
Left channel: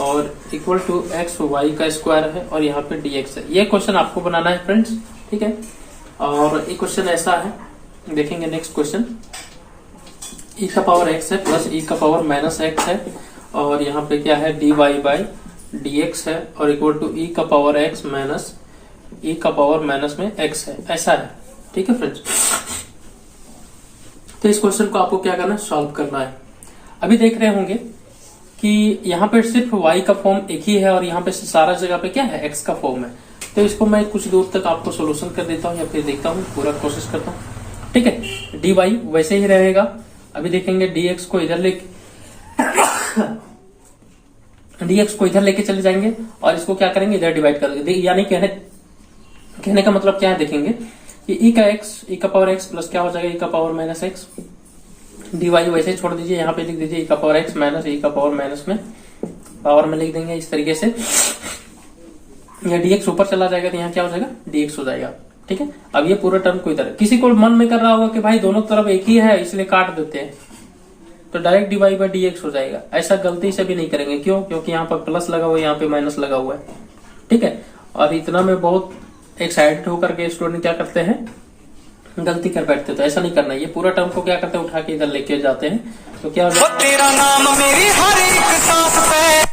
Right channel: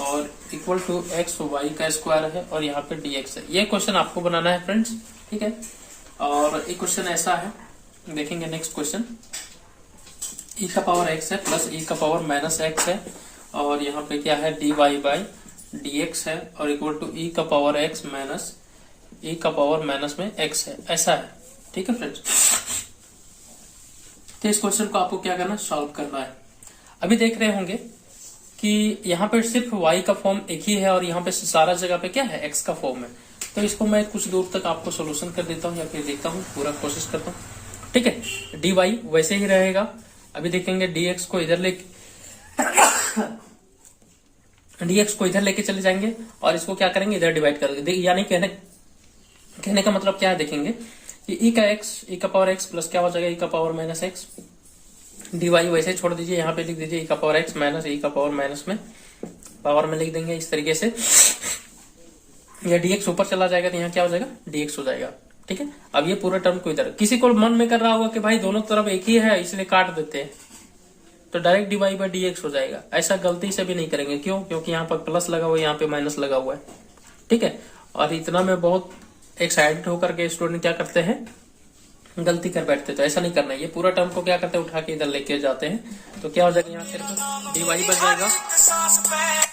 और इक्वल टू एक्स वाई का स्क्वायर है, और यहाँ पे dx है। ये क्वेश्चन आपको बनाना है फ्रेंड्स, ठीक है। और एक क्वेश्चन ऐसा है, देखेंगे नेक्स्ट क्वेश्चन, e का पावर x है प्लस e का पावर माइनस x है, और यहाँ पे क्या है dy बाई dx है, और इक्वल टू e का पावर x माइनस e का पावर माइनस में x है, ऐसा है। ठीक है फ्रेंड्स, तो इस क्वेश्चन को आपको क्या करना है, सॉल्व करना है। अभी देख रहे होंगे कि यहाँ पे सिर्फ y का फॉर्म एक ही है, और यहाँ पे सारा जगह पे क्या है x का फॉर्म है। तो इसको मैं कुछ दूर तक आपको सोल्यूशन कर देता हूँ, या फिर देखता हूँ, पूरा कोशिश करता हूँ। ठीक है, dy वैसे ही रहेगा। अभी देखेंगे dx को इधर लेके dx को इधर लेके चले जाएंगे, और इसको क्या करेंगे इधर डिवाइड कर देंगे। यानी कहने का मतलब क्या है, देखेंगे कि e का पावर x प्लस क्या हो जाएगा e का पावर माइनस x, dy वैसे ही छोड़ दीजिए, यहाँ पे लिख दीजिए e का पावर x माइनस e का पावर माइनस में पावर में लिख देंगे इस तरीके से। यह dx ऊपर चला जाएगा तो यहाँ क्या हो जाएगा dx हो जाएगा। ठीक है, अब ये पूरा टर्म को इधर, किसी को मन में कर रहा होगा कि भाई दोनों तरफ एक ही है इसलिए काट देते हैं, तो डायरेक्ट dy बाई dx हो जाएगा। ऐसा गलती से भी नहीं करेंगे, क्यों, क्योंकि यहाँ पर प्लस लगा हुआ है, यहाँ पे माइनस लगा हुआ है। ठीक है, और इतना में बहुत एक्साइटेड होकर के स्टूडेंट क्या करते हैं, गलती कर बैठते हैं। तो ऐसा नहीं करना है, ये पूरा टर्म को क्या करते हैं, उठा के इधर लेके जाते हैं, तो क्या हो जाएगा, तेरा नाम मेरी हर एक सांस पे।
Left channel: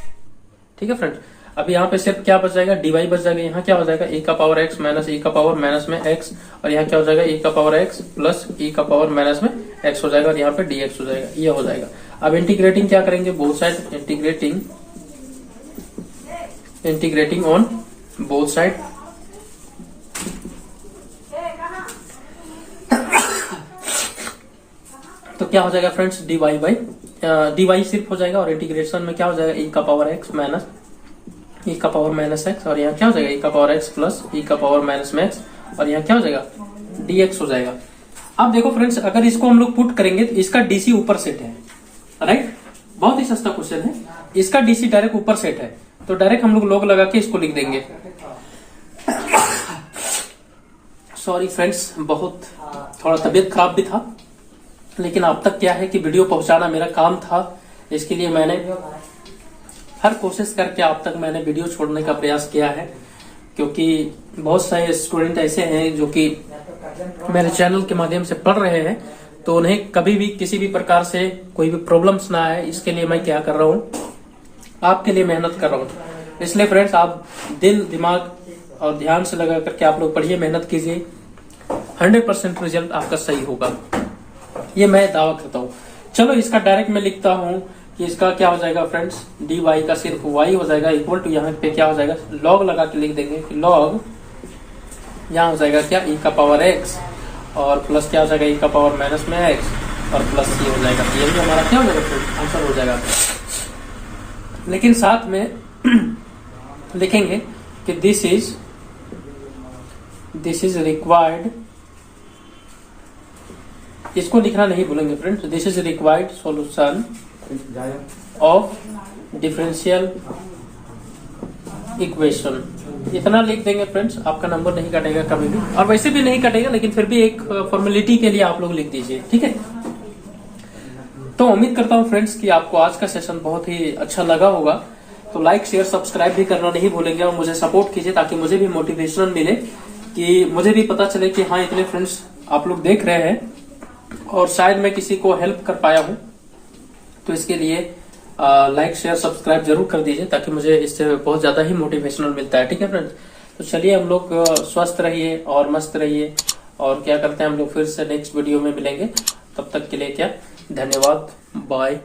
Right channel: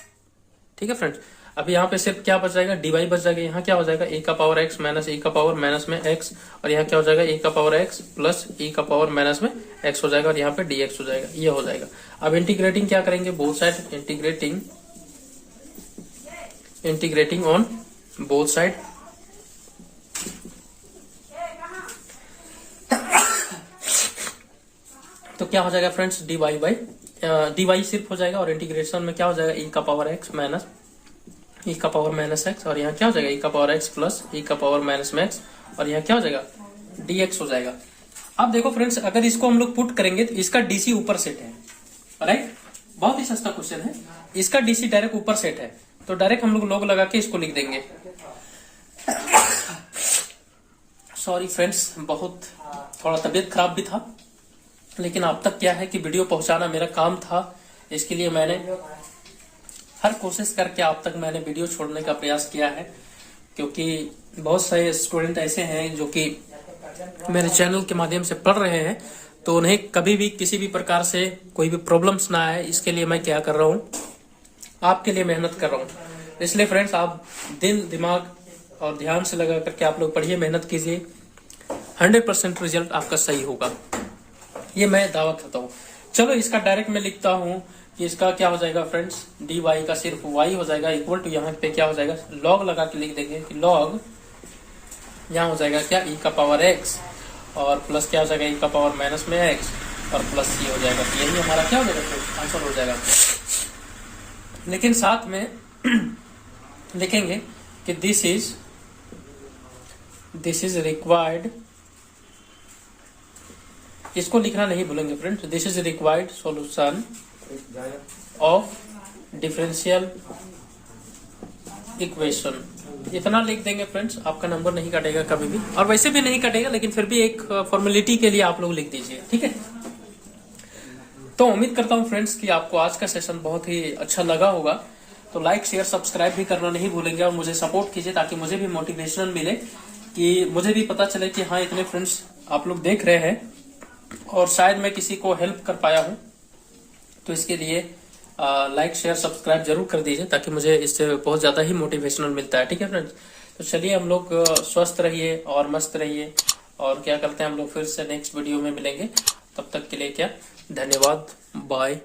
ठीक है फ्रेंड्स, अब यहाँ पे सिर्फ क्या बच जाएगा, dy बच जाएगा, यहाँ क्या हो जाएगा e का पावर x माइनस e का पावर माइनस में x, और यहाँ क्या हो जाएगा e का पावर x प्लस e का पावर माइनस में x हो जाएगा, और यहाँ पे dx हो जाएगा, ये हो जाएगा। अब इंटीग्रेटिंग क्या करेंगे, both side integrating on both side. तो क्या हो जाएगा फ्रेंड्स, dy सिर्फ हो जाएगा, और इंटीग्रेशन में क्या हो जाएगा e का पावर x माइनस e का पावर माइनस x, और यहाँ क्या हो जाएगा e का पावर x प्लस e का पावर माइनस में x, और यहाँ क्या हो जाएगा dx हो जाएगा। अब देखो फ्रेंड्स, अगर इसको हम लोग पुट करेंगे तो इसका dc ऊपर सेट है, राइट, बहुत ही सस्ता क्वेश्चन है। इसका dc डायरेक्ट ऊपर सेट है, तो डायरेक्ट हम लोग log लगा के इसको लिख देंगे। सॉरी फ्रेंड्स, बहुत थोड़ा तबीयत खराब भी था, लेकिन अब तक क्या है कि वीडियो पहुंचाना मेरा काम था, इसके लिए मैंने हर कोशिश करके आप तक मैंने वीडियो छोड़ने का प्रयास किया है, क्योंकि बहुत सारे स्टूडेंट ऐसे हैं जो कि मेरे चैनल के माध्यम से पढ़ रहे हैं, तो उन्हें कभी भी किसी भी प्रकार से कोई भी प्रॉब्लम्स ना आए, इसके लिए मैं क्या कर रहा हूँ, आपके लिए मेहनत कर रहा हूँ। इसलिए फ्रेंड्स, आप दिल दिमाग और ध्यान से लगा करके आप लोग पढ़िए, मेहनत कीजिए, 100% रिजल्ट आपका सही होगा, ये मैं दावा करता हूँ। चलो इसका डायरेक्ट मैं लिखता हूँ कि इसका क्या हो जाएगा फ्रेंड्स, dy का सिर्फ y हो जाएगा, इक्वल टू यहाँ पे क्या हो जाएगा, log लगा के लिख देंगे कि log यहाँ हो जाएगा क्या e का पावर x, और प्लस क्या हो जाएगा, e का पावर माइनस में x और प्लस c हो जाएगा। ये भी हमारा क्या हो जाएगा, आंसर हो जाएगा। लेकिन साथ में लिखेंगे कि दिस इज रिक्वायर्ड, इसको लिखना नहीं भूलेंगे friends. This is required solution of differential equation. इतना लिख देंगे फ्रेंड्स, आपका नंबर नहीं कटेगा कभी भी, और वैसे भी नहीं कटेगा, लेकिन फिर भी एक फॉर्मेलिटी के लिए आप लोग लिख दीजिए, ठीक है। तो उम्मीद करता हूँ फ्रेंड्स कि आपको आज का सेशन बहुत ही अच्छा लगा होगा। तो लाइक शेयर सब्सक्राइब भी करना नहीं भूलेंगे और मुझे सपोर्ट कीजिए, ताकि मुझे भी मोटिवेशन मिले, कि मुझे भी पता चले कि हाँ इतने फ्रेंड्स आप लोग देख रहे हैं और शायद मैं किसी को हेल्प कर पाया हूँ। तो इसके लिए लाइक शेयर सब्सक्राइब जरूर कर दीजिए, ताकि मुझे इससे बहुत ज्यादा ही मोटिवेशनल मिलता है, ठीक है फ्रेंड्स। तो चलिए हम लोग स्वस्थ रहिए और मस्त रहिए, और क्या करते हैं हम लोग फिर से नेक्स्ट वीडियो में मिलेंगे। तब तक के लिए क्या, धन्यवाद, बाय।